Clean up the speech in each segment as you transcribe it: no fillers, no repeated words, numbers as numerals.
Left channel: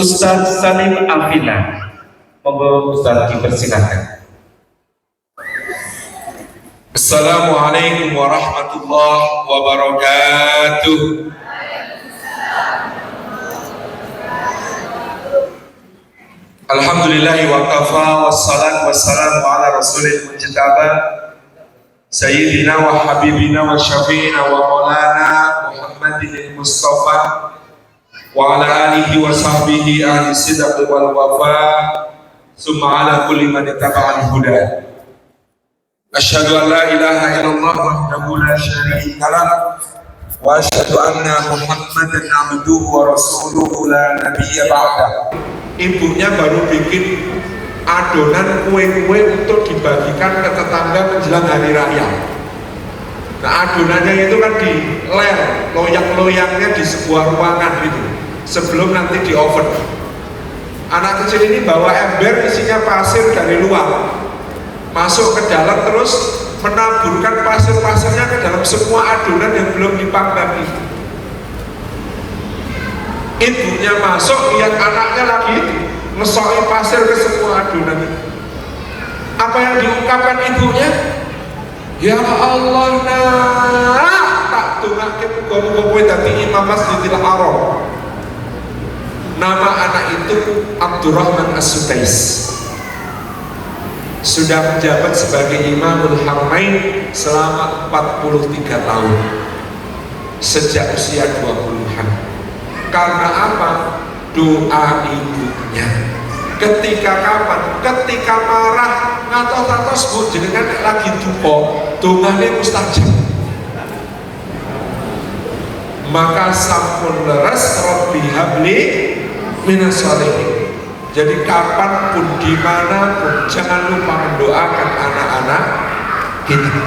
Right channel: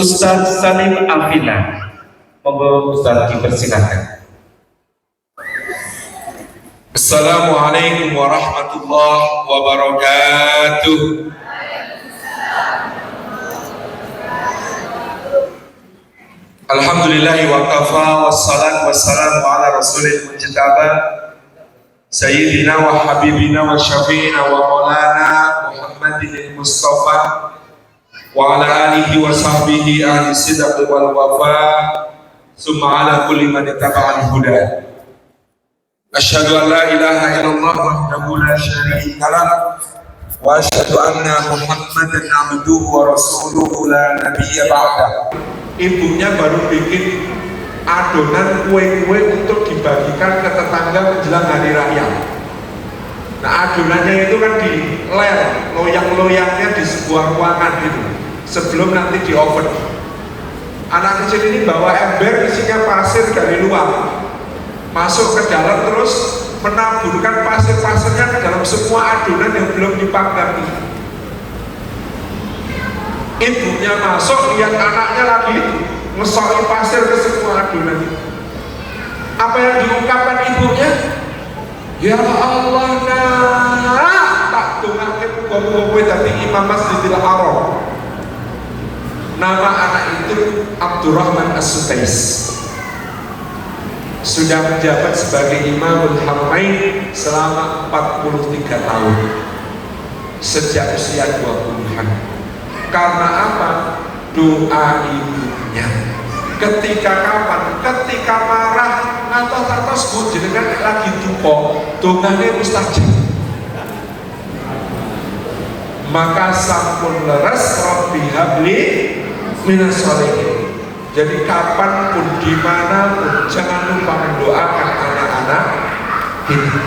Ustadz Salim Afina. Monggo Ustadz dipersilakan. Assalamualaikum warahmatullahi wabarakatuh. Alhamdulillahi wa kafa wassalatu wassalamu ala rasulil mujtaba sayyidina wa habibina wa syafi'ina wa maulana Muhammadin Mustafa wa ala alihi wa sahbihi ahli sidq wal wafa summa ala kulli man ittaba'al huda. Asyhadu an la ilaha illallah wahdahu la syarika lah wa asyhadu anna Muhammadan abduhu wa rasuluhu la nabiyya ba'da. Ibunya baru bikin adonan kue-kue untuk dibagikan ke tetangga menjelang hari raya. Nah, adonannya itu kan di lem, loyang-loyangnya di sebuah ruangan gitu, sebelum nanti di oven. Anak kecil ini bawa ember isinya pasir dari luar, masuk ke dalam terus menaburkan pasir-pasirnya ke dalam semua adonan yang belum dipanggang. Ibunya masuk, lihat anaknya lagi ngesokin pasir ke semua adonan. Apa yang diungkapkan ibunya? Ya Allah, nah tak tungake muga-muga dadi imam Masjidil Haram. Nama anak itu Abdurrahman As-Sudais. Sudah menjabat sebagai Imamul Haramain selama 43 tahun sejak usia 20-an. Karena apa? Doa ibunya. Ketika kapan? Ketika marah atau sebut jenengan lagi duka, dongane mustajab. Maka sampun leres Rabbi habli minas sholihin. Jadi kapanpun dimanapun jangan lupa mendoakan anak-anak kita.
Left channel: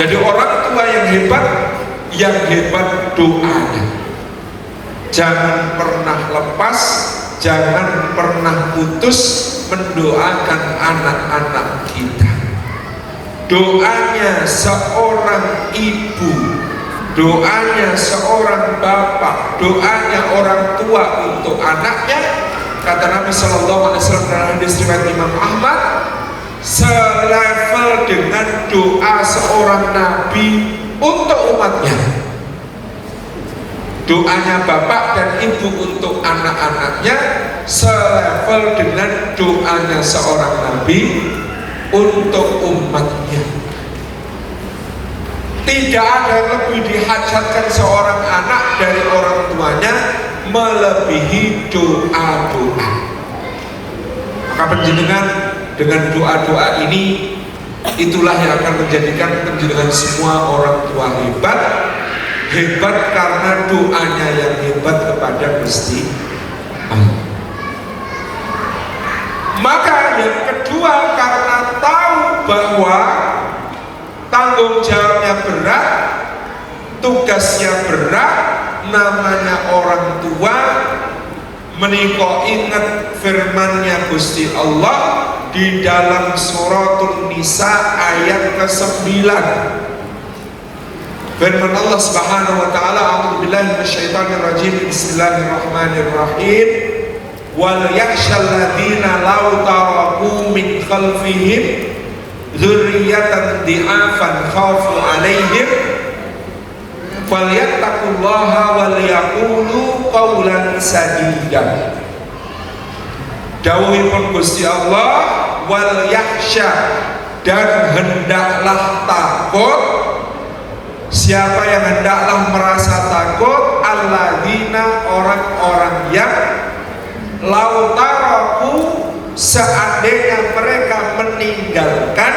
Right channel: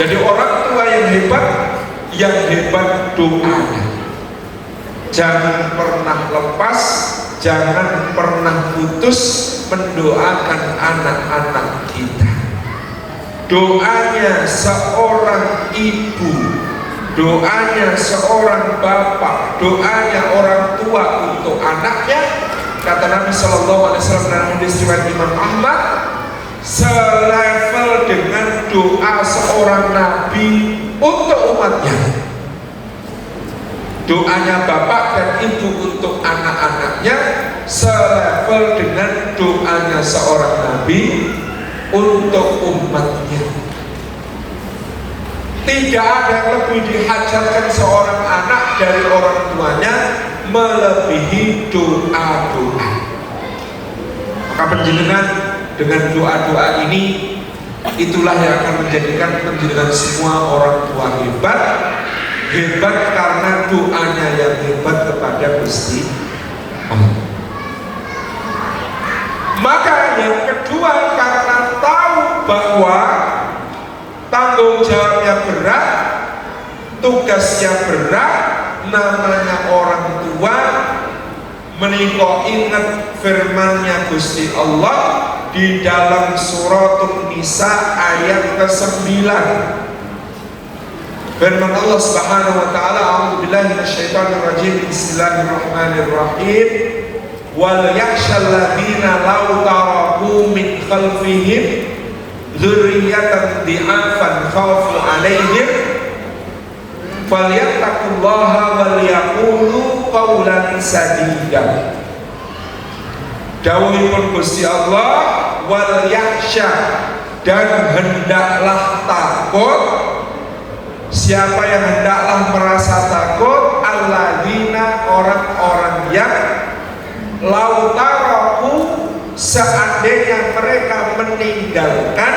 Jadi orang tua yang hebat doanya. Jangan pernah lepas, jangan pernah putus mendoakan anak-anak kita. Doanya seorang ibu, doanya seorang bapak, doanya orang tua untuk anaknya, kata Nabi Sallallahu Alaihi Wasallam dalam hadis riwayat Imam Ahmad, selevel dengan doa seorang nabi untuk umatnya. Doanya bapak dan ibu untuk anak-anaknya selevel dengan doanya seorang nabi untuk umatnya. Tidak ada yang lebih dihajatkan seorang anak dari orang tuanya melebihi doa-doa. Maka penjenengan dengan doa-doa ini, itulah yang akan menjadikan penjenengan semua orang tua hebat. Hebat karena doanya yang hebat kepada Gusti Allah. Maka yang kedua, karena tahu bahwa tanggung jawabnya berat, tugasnya berat, namanya orang tua, menika ingat firman-Nya Gusti Allah di dalam Suratul Nisa ayat ke-9. Firman Allah Subhanahu wa taala, a'udzubillahi minasyaitonir rajim, bismillahirrahmanirrahim, wal yakhshal ladzina law taraku min khalfihim dzurriyyatan dhi'afan khafu 'alaihim falyattaqullaha wal yaqulu qawlan sadida. Dawuhipun Gusti Allah, wal yakhsha, dan hendaklah takut. Siapa yang hendaklah merasa takut? Alladzina, orang-orang yang lautaraku, seandainya mereka meninggalkan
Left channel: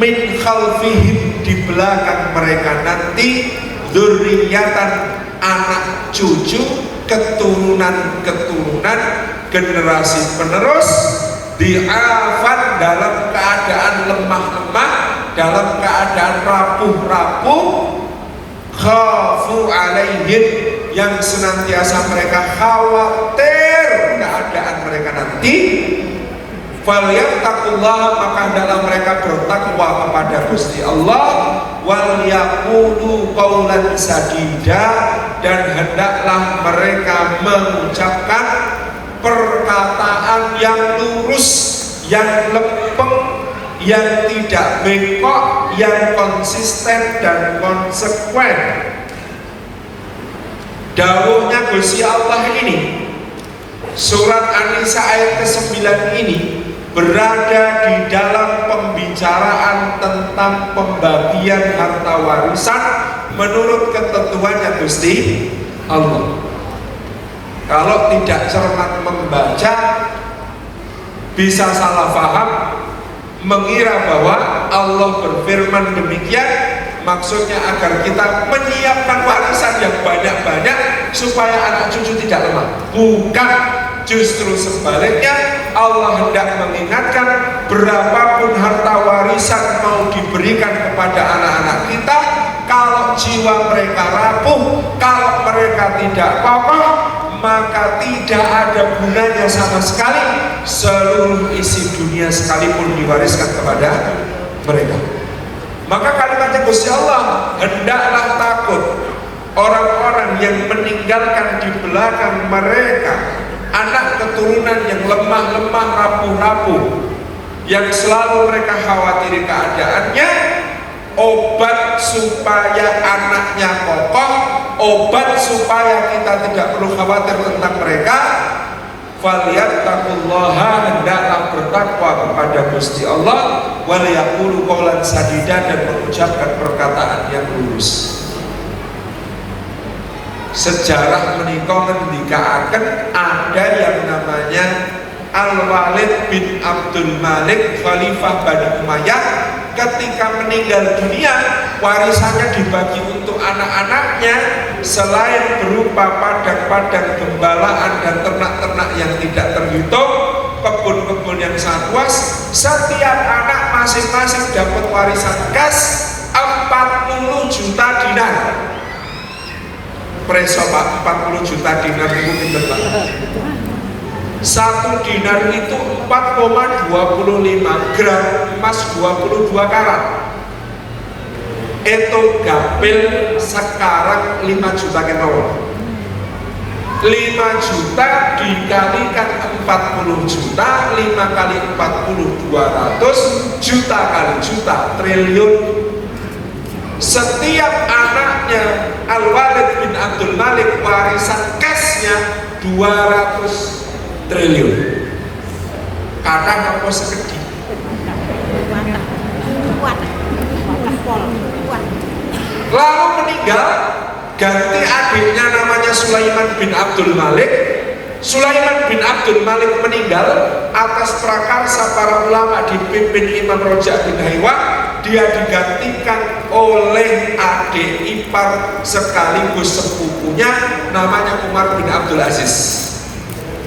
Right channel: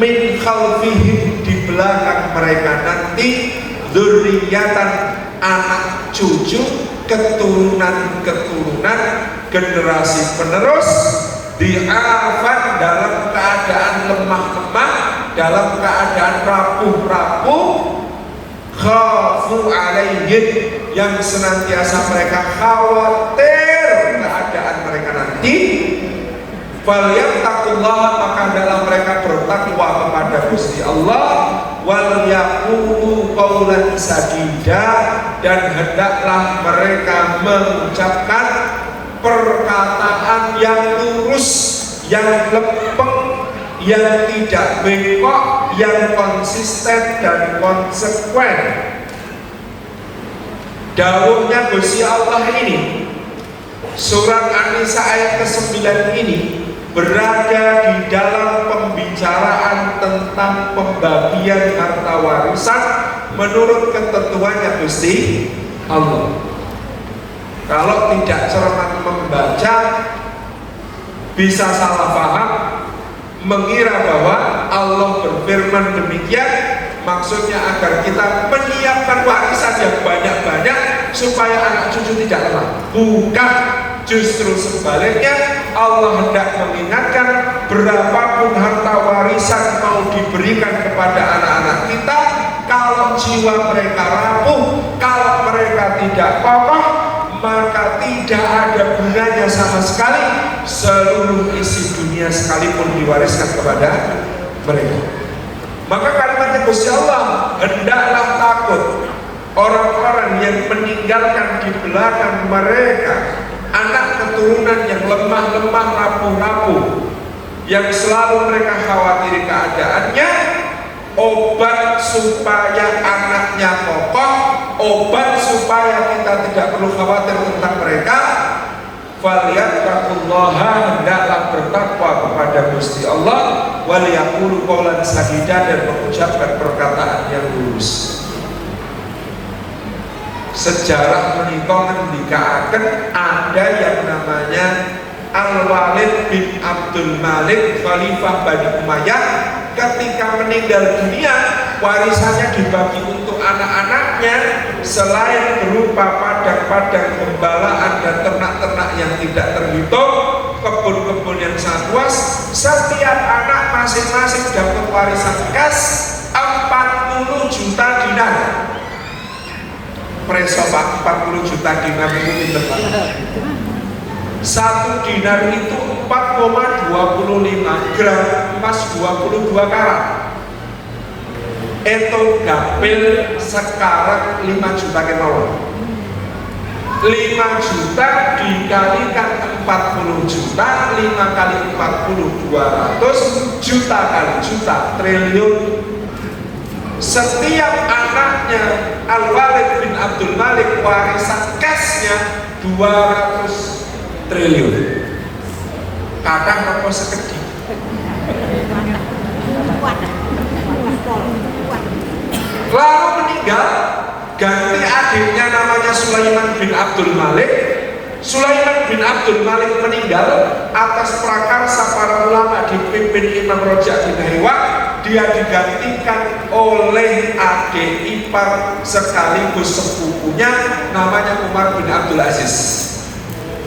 min khalfihim, di belakang mereka nanti, dzurriyyatan, anak cucu, keturunan-keturunan, generasi penerus, di'afan, dalam keadaan lemah-lemah, dalam keadaan rapuh-rapuh, khafu alaihim, yang senantiasa mereka khawatir keadaan mereka nanti, falyattaqullah, maka adalah mereka bertakwa kepada Gusti Allah, wal yaqulu qaulan sadida, dan hendaklah mereka mengucapkan perkataan yang lurus, yang lempeng, yang tidak bengkok, yang konsisten dan konsekuen. Dawuhnya Gusti Allah ini, surat An-Nisa ayat ke-9 ini berada di dalam pembicaraan tentang pembagian harta warisan menurut ketentuannya Gusti Allah. Kalau tidak cermat membaca, bisa salah paham, mengira bahwa Allah berfirman demikian maksudnya agar kita menyiapkan warisan yang banyak-banyak supaya anak cucu tidak lemah. Bukan, justru sebaliknya, Allah hendak mengingatkan berapapun harta warisan mau diberikan kepada anak-anak kita, kalau jiwa mereka rapuh, kalau mereka tidak kokoh, maka tidak ada gunanya sama sekali seluruh isi dunia sekalipun diwariskan kepada mereka. Maka kalimatnya Gusti Allah, hendaklah takut orang-orang yang meninggalkan di belakang mereka anak keturunan yang lemah-lemah, rapuh-rapuh, yang selalu mereka khawatiri keadaannya. Obat supaya anaknya kokoh, obat supaya kita tidak perlu khawatir tentang mereka, falyattaqullaha, hendaklah bertakwa kepada Gusti Allah, waliyaqulu qawlan sadida, dan mengucapkan perkataan yang lurus. Sejarah menika ngendikaaken ada yang namanya Al-Walid bin Abdul Malik, Khalifah Bani Umayyah. Ketika meninggal dunia, warisannya dibagi untuk anak-anaknya, selain berupa padang-padang gembalaan dan ternak-ternak yang tidak terhitung, kebun-kebun yang sangat luas, setiap anak masing-masing dapat warisan kas 40 juta dinar. Preso Pak, 40 juta dinar itu depan. Satu dinar itu 4,25 gram emas 22 karat. Itu gapil sekarang 5 juta kenal. 5 juta dikalikan 40 juta, 5 kali 40 200 juta kali juta, triliun. Setiap anaknya Al-Walid bin Abdul Malik warisan cashnya 200 triliun. Kadang apa sekedip. Lalu meninggal, ganti adiknya namanya Sulaiman bin Abdul Malik. Sulaiman bin Abdul Malik meninggal atas prakarsa para ulama dipimpin Imam Rojak bin Haywa. Dia digantikan oleh adik ipar sekaligus sepupunya namanya Umar bin Abdul Aziz.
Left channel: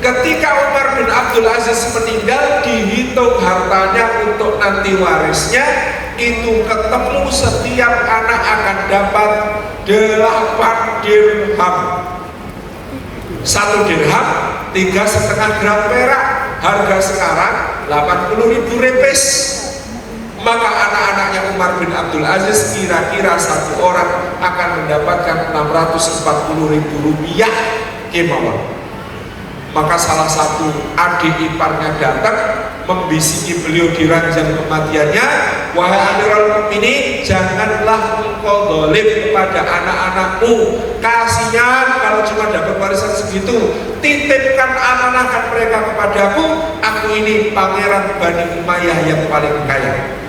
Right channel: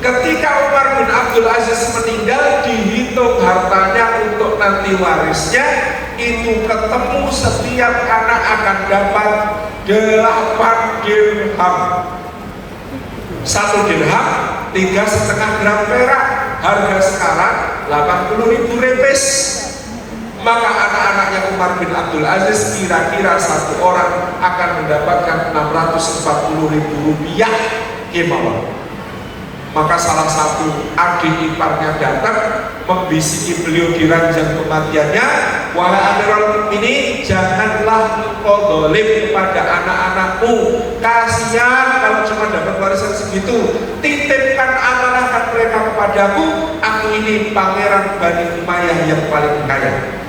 Ketika Umar bin Abdul Aziz meninggal, dihitung hartanya untuk nanti warisnya, itu ketemu setiap anak akan dapat 8 dirham. 1 dirham 3,5 gram perak, harga sekarang 80.000 rupiah. Maka anak-anaknya Umar bin Abdul Aziz kira-kira satu orang akan mendapatkan 640.000 rupiah kemauan. Maka salah satu adik iparnya datang membisiki beliau di ranjang kematiannya, wahai Amirul Mukminin, janganlah engkau zalim kepada anak-anakmu, kasihan kalau cuma dapat warisan segitu, titipkan amanahkan mereka kepadaku, aku ini pangeran Bani Umayyah yang paling kaya.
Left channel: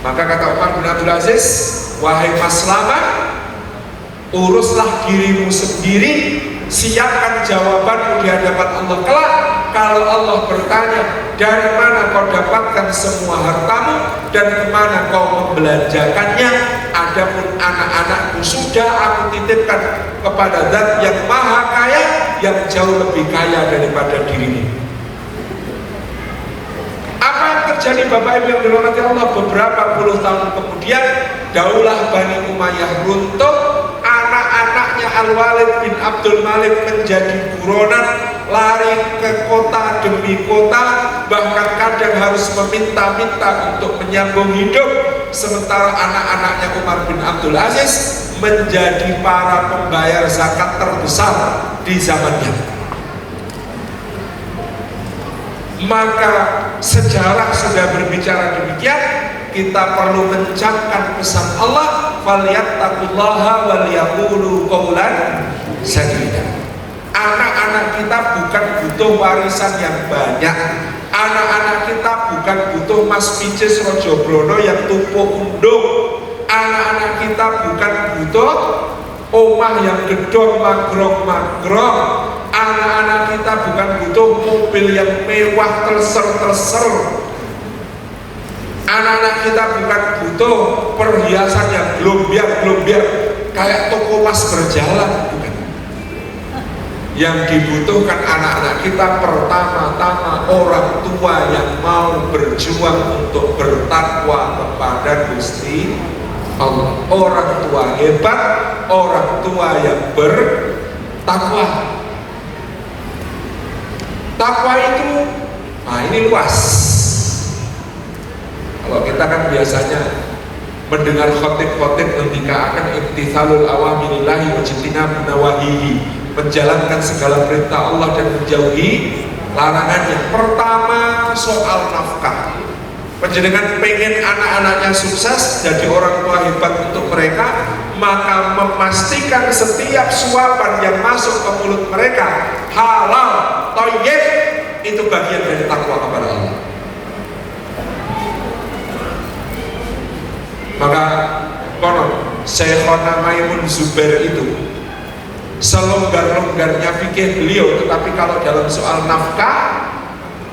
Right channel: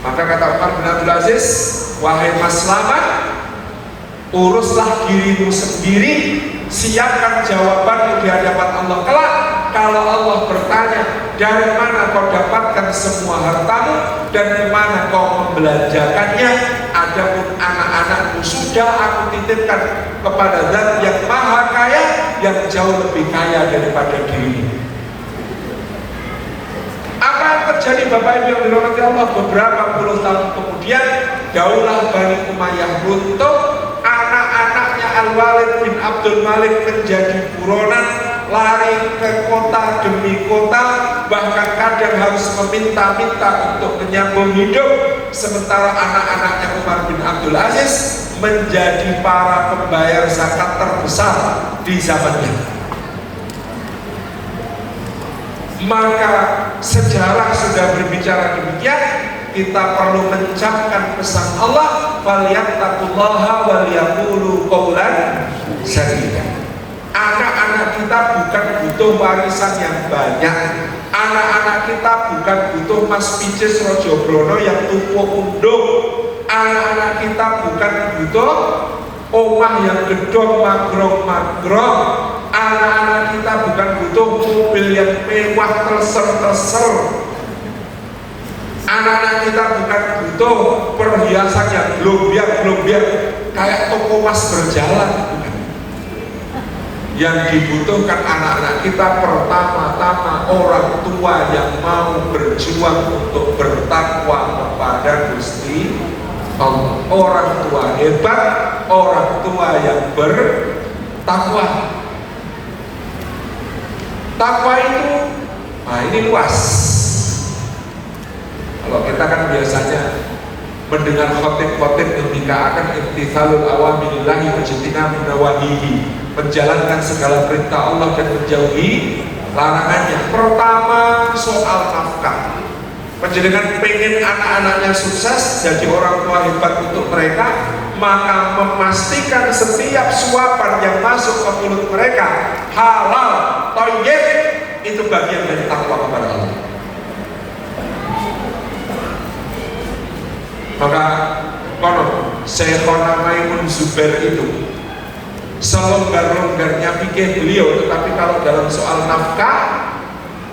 Maka kata Umar bin Abdul Aziz, wahai Mas Slamet, uruslah dirimu sendiri, siapkan jawabanmu di hadapan Allah kelak. Kalau Allah bertanya, dari mana kau dapatkan semua hartamu dan kemana kau membelanjakannya, adapun anak-anakmu sudah aku titipkan kepada Zat yang maha kaya, yang jauh lebih kaya daripada dirimu. Apa yang terjadi Bapak Ibu yang dirahmati Allah? Beberapa puluh tahun kemudian Daulah Bani Umayyah runtuh. Anak-anaknya Al-Walid bin Abdul Malik menjadi buronan, lari ke kota demi kota, bahkan kadang harus meminta-minta untuk menyambung hidup. sementara anak-anaknya Umar bin Abdul Aziz menjadi para pembayar zakat terbesar di zamannya. Maka sejarah sudah berbicara demikian, kita perlu mencapkan pesan Allah, falyattaqullaha wal yaqulu qawlan sadida. Anak-anak kita bukan butuh warisan yang banyak. Anak-anak kita bukan butuh Mas Picis Rojobrono yang tuku undung. Anak-anak kita bukan butuh omah yang gedong magrong-magrong. Anak-anak kita bukan butuh mobil yang mewah terser-terser. Anak-anak kita bukan butuh perhiasan yang glombiar-glombiar kayak toko mas berjalan. Bukan. Yang dibutuhkan anak-anak kita pertama-tama orang tua yang mau berjuang untuk bertakwa kepada Gusti Allah. Orang tua hebat, orang tua yang bertakwa. Takwa itu, nah ini luas. Kalau kita kan biasanya mendengar khotib-khotib membicarakan imtithalul awamirillahi wajtinabun nawahihi, menjalankan segala perintah Allah dan menjauhi larangannya. Pertama soal nafkah. Panjenengan pengen anak-anaknya sukses jadi orang tua hebat untuk mereka, maka memastikan setiap suapan yang masuk ke mulut mereka halal, thayyib, itu bagian dari takwa kepada Allah. Maka konon Syekhona Maimun Zubair itu selonggar-longgarnya fikih beliau, tetapi kalau dalam soal nafkah,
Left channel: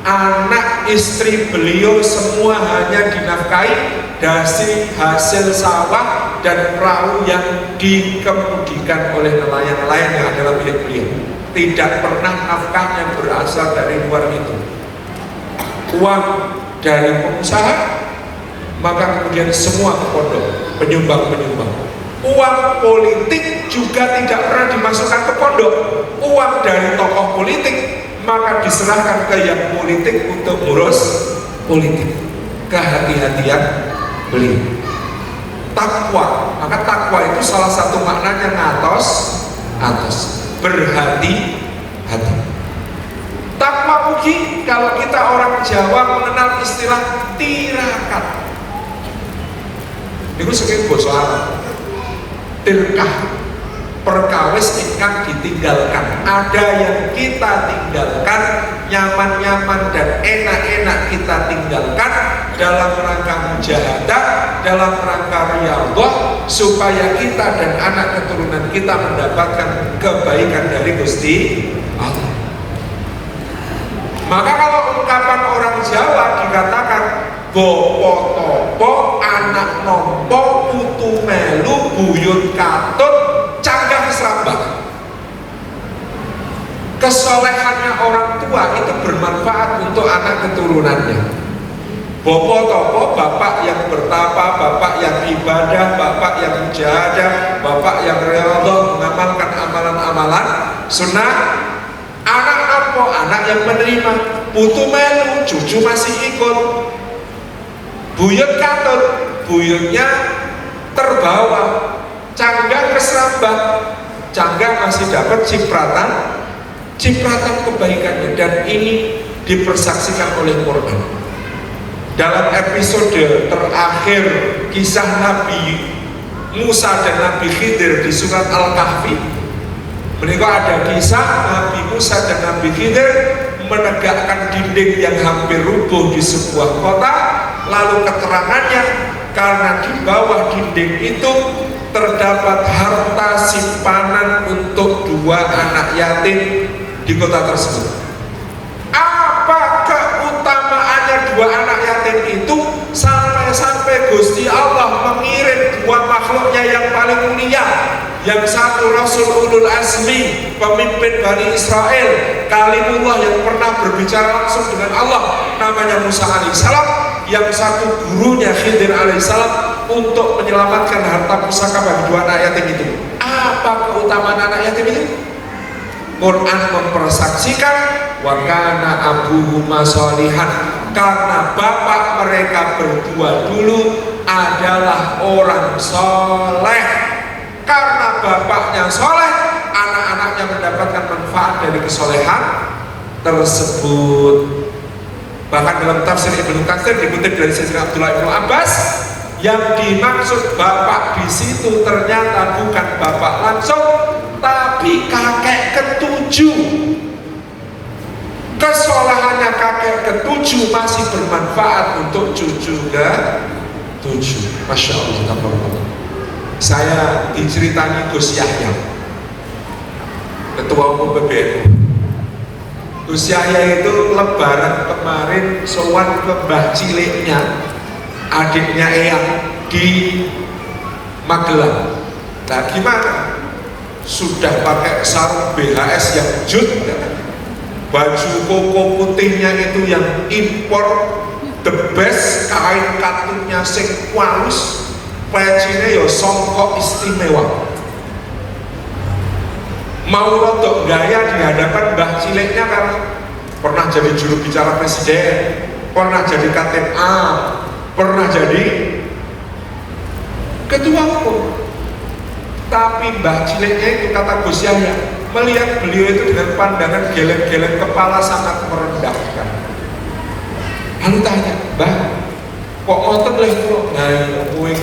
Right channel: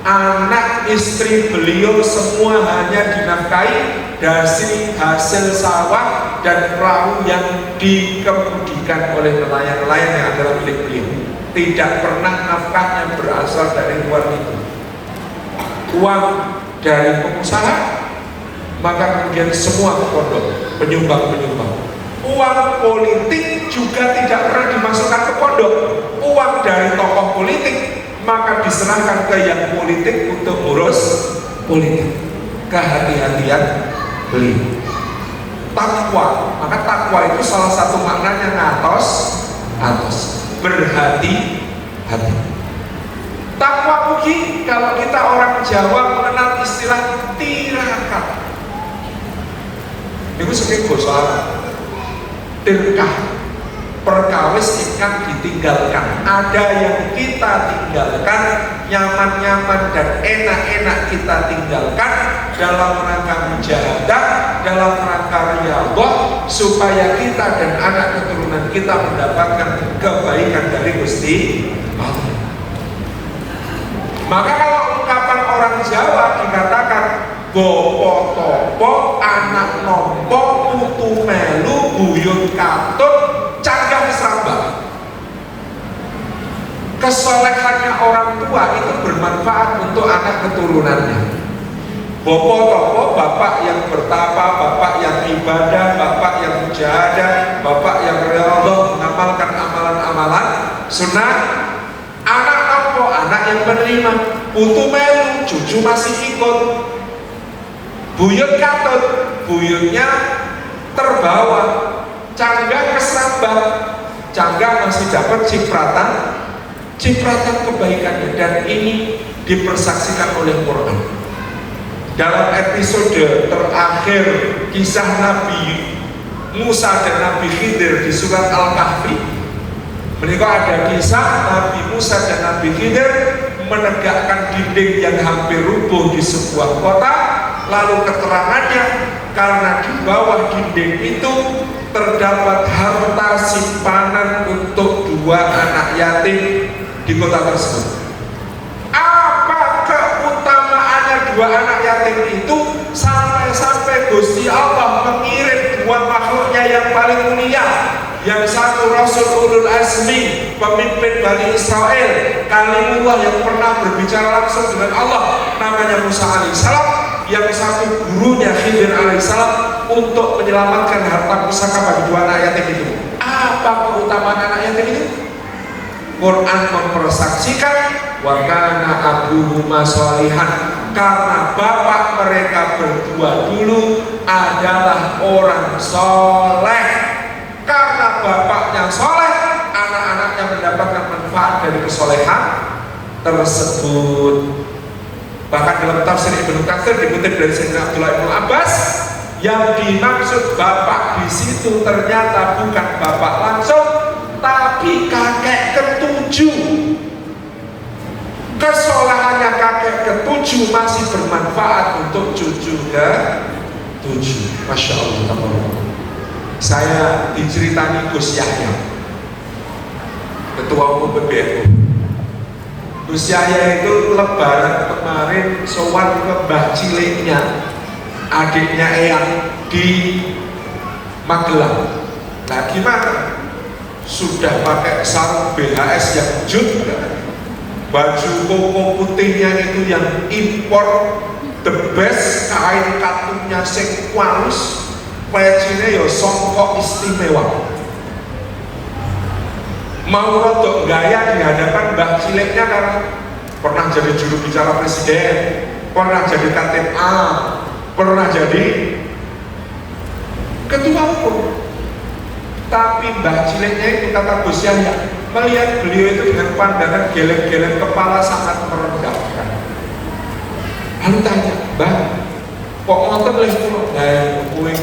anak istri beliau semua hanya dinafkahi dari hasil sawah dan perahu yang dikemudikan oleh nelayan-nelayan yang adalah milik beliau. Tidak pernah nafkahnya berasal dari luar itu. Uang dari pengusaha, maka kemudian semua ke pondok, penyumbang-penyumbang. Uang politik juga tidak pernah dimasukkan ke pondok. Uang dari tokoh politik maka diserahkan ke yang politik untuk ngurus politik. Kehati-hatian beliau. Takwa, maka takwa itu salah satu maknanya ngatos, berhati-hati. Takwa ugi, kalau kita orang Jawa mengenal istilah tirakat. Itu sebagai bosan. Tirkah, perkawis ingkang ditinggalkan. Ada yang kita tinggalkan, nyaman-nyaman dan enak-enak kita tinggalkan dalam rangka mujahadah, dalam rangka riyadhah, supaya kita dan anak keturunan kita mendapatkan kebaikan dari Gusti Allah. Maka kalau ungkapan orang Jawa dikatakan bopo topo, anak nompo, putu melu, buyut katut, canggah serambah. Kesolehannya orang tua itu bermanfaat untuk anak keturunannya. Bopo topo, bapak yang bertapa, bapak yang ibadah, bapak yang mujahadah, bapak yang riyadhah, mengamalkan amalan-amalan sunnah. Anak nompo, anak yang menerima. Putu melu, cucu masih ikut. Buyut katut, buyutnya terbawa. Canggah keserambah, canggah masih dapat cipratan kebaikannya. Dan ini dipersaksikan oleh Quran. Dalam episode terakhir kisah Nabi Musa dan Nabi Khidir di surat Al-Kahfi, mereka ada kisah Nabi Musa dan Nabi Khidir menegakkan dinding yang hampir rubuh di sebuah kota. Lalu keterangannya, karena di bawah dinding itu terdapat harta simpanan untuk 2 anak yatim di kota tersebut. Apa keutamaannya 2 anak yatim itu sampai Gusti Allah mengirim 2 makhluknya yang paling mulia. Yang satu Rasul Ulul Azmi, pemimpin Bani Israel, Kalimullah yang pernah berbicara langsung dengan Allah, namanya Musa alaihissalam. Yang satu gurunya Khidir alaihissalam untuk menyelamatkan harta pusaka bagi 2 anak yatim itu. Apa keutamaan anak yatim itu? Quran mempersaksikan wa kana abuhuma sholihan, karena bapak mereka berdua dulu adalah orang soleh. Karena bapaknya soleh, anak-anaknya mendapatkan manfaat dari kesolehan tersebut. Bahkan dalam tafsir Ibnu Katsir dikutip dari Sayyidina Abdullah bin Abbas, yang dimaksud bapak di situ ternyata bukan bapak langsung, tapi kakek ketujuh. Kesolehannya kakek ketujuh masih bermanfaat untuk cucu ketujuh. Masya Allah. Saya diceritani Gus Yahya, Ketua Umum PBNU. Gus Yahya itu lebaran kemarin sowan ke mbah ciliknya, adiknya Eyang di Magelang. Nah gimana? Sudah pakai sarung BHS yang jut, baju koko putihnya itu yang impor, the best, kain katungnya sing walus, pecine yo songkok istimewa. Mau rodok gaya di hadapan mbak ciliknya karena pernah jadi juru bicara presiden, pernah jadi Katib A, pernah jadi ketua umum. Tapi mbak ciliknya itu kata Gus Yahya, melihat beliau itu dengan pandangan geleng-geleng kepala sangat merendahkan. Lalu tanya, mbak, kok ngotot leh kok? Nah, kue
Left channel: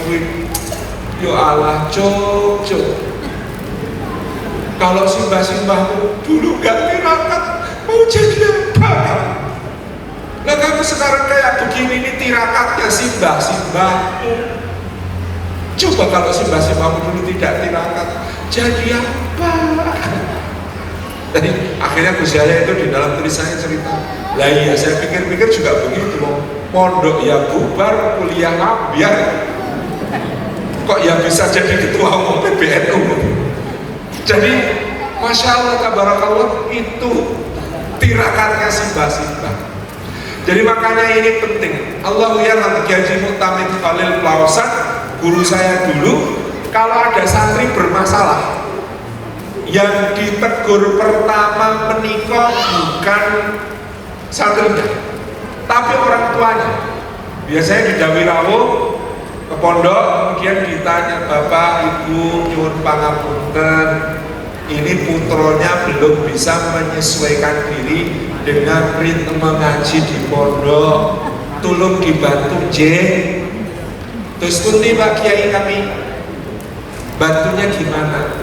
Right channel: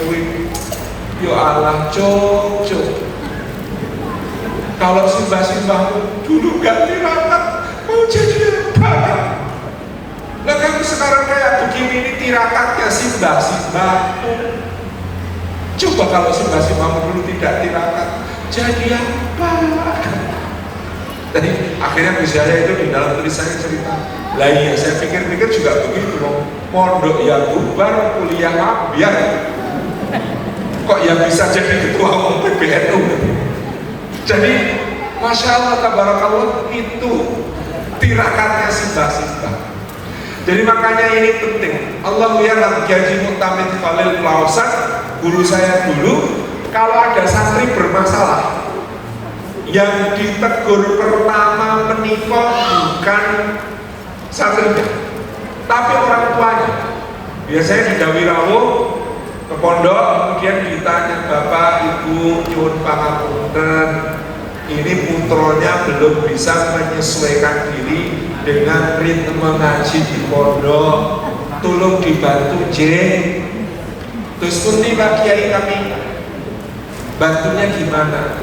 yo Allah, cok. Kalau simbah-simbahmu dulu gak tirakat, mau jadi apa? Nah kamu sekarang kayak begini, ini tirakatnya simbah-simbahmu. Coba kalau simbah-simbahmu dulu tidak tirakat, jadi apa? Jadi akhirnya Gus Yahya itu di dalam tulisannya cerita, lah iya saya pikir-pikir juga begitu, mondok ya bubar, kuliah biar kok ya bisa jadi ketua umum PBNU. Jadi Masya Allah tabarakallah, itu tirakatnya simbah-simbah. Jadi makanya ini penting. Allah ya'lam gaji mutamid Khalil Lausan, guru saya dulu, kalau ada santri bermasalah, yang ditegur pertama menikah bukan santrinya, tapi orang tuanya. Biasanya di Dawirawo ke pondok, kemudian ditanya, Bapak, Ibu, nyuwun pangapunten, ini putronya belum bisa menyesuaikan diri dengan ritme ngaji di pondok, tolong dibantu J. Terus nanti Pak Kiai kami bantunya gimana?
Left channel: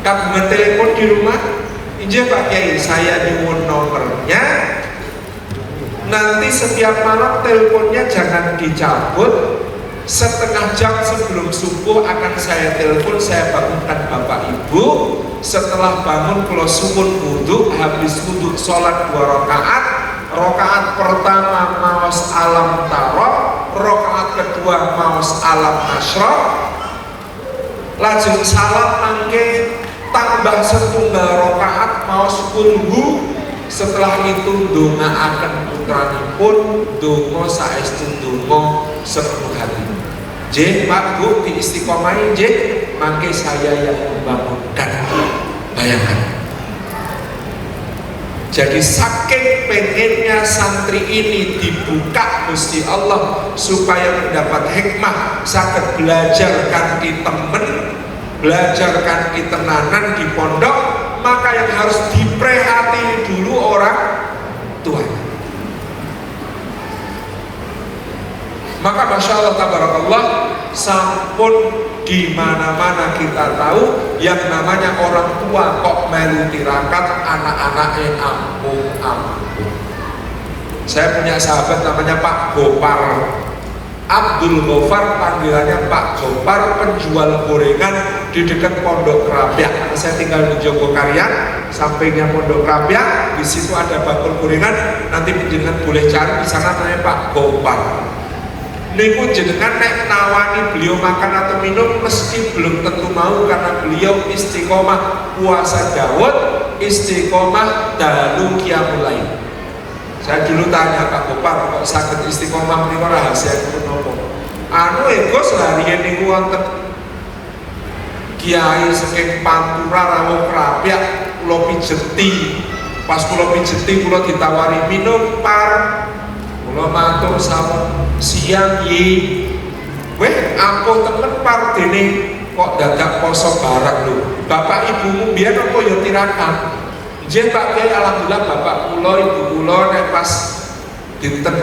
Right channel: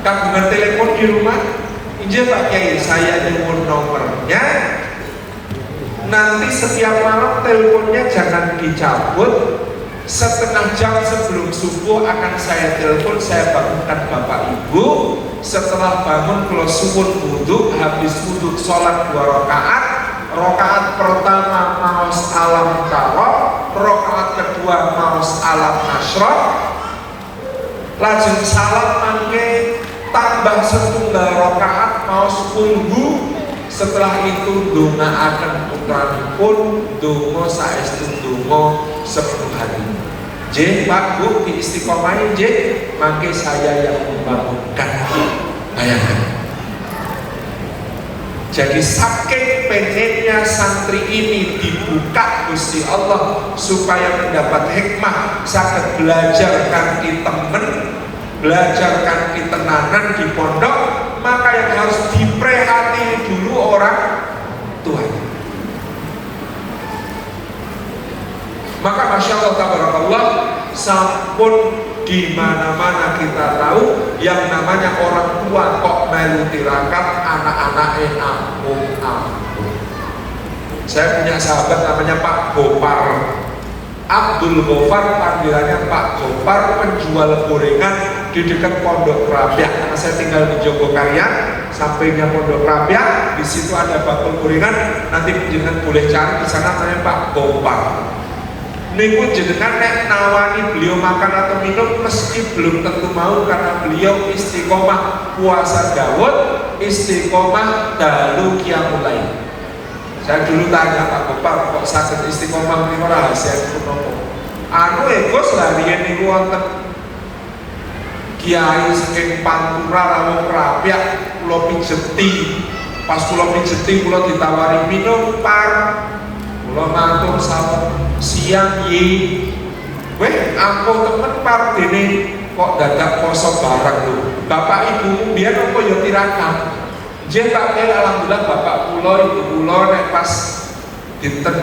Kamu telepon di rumah, Ije Pak Kiai, saya nyuwun nomornya, nanti setiap malam teleponnya jangan dicabut, setengah jam sebelum subuh akan saya telepon, saya bangunkan Bapak Ibu. Setelah bangun kalau subuh wudhu, habis wudhu sholat 2 rakaat. Rakaat pertama maos alam taro, rakaat kedua maos alam asyraf. Lajeng salam mangke tambah setunggal rakaat maos kulhu. Setelah itu donga akan putranipun, donga saestu donga 10 hari. J, Pak, Bu, di istiqomah J, mangke saya yang membangunkan. Bayangkan. Jadi saking pengennya santri ini dibuka Gusti Allah supaya mendapat hikmah, saged belajar kanthi temen, belajar kanthi tenanan di pondok, maka yang harus diprihatini dulu orang tua. Maka Masya Allah tabarakallah, sampun di mana-mana kita tahu yang namanya orang tua kok melu tirakat, anak-anaknya ampun. Saya punya sahabat namanya Pak Gopar Abdul Gofar, panggilannya Pak Gopar, penjual gorengan di dekat Pondok Krapyak. Karena saya tinggal di Jogokarian, sampingnya Pondok Krapyak, di situ ada bakul gorengan. Nanti jenengan boleh cari di sana, namanya Pak Gopar. Niku jenengan nek nawani beliau makan atau minum mesti belum tentu mau, karena beliau istiqomah puasa Daud, istiqomah dalu qiyamul lail. Saya dulu tanya Pak Gopar, kok sakit istiqomah niku rahasia nopo? Anu Gus larian niku wonten kiai saking Pantura rawuh Krapyak kula pijeti. Pas kula pijeti kula ditawari minum par. Kula matur sampun siang nggih. Weh, aku temen partene kok dadak poso bareng lho. Bapak ibumu biar apa ya tirakat. Jen Pak Kiai alhamdulillah bapak kula ibu kula nek pas dinten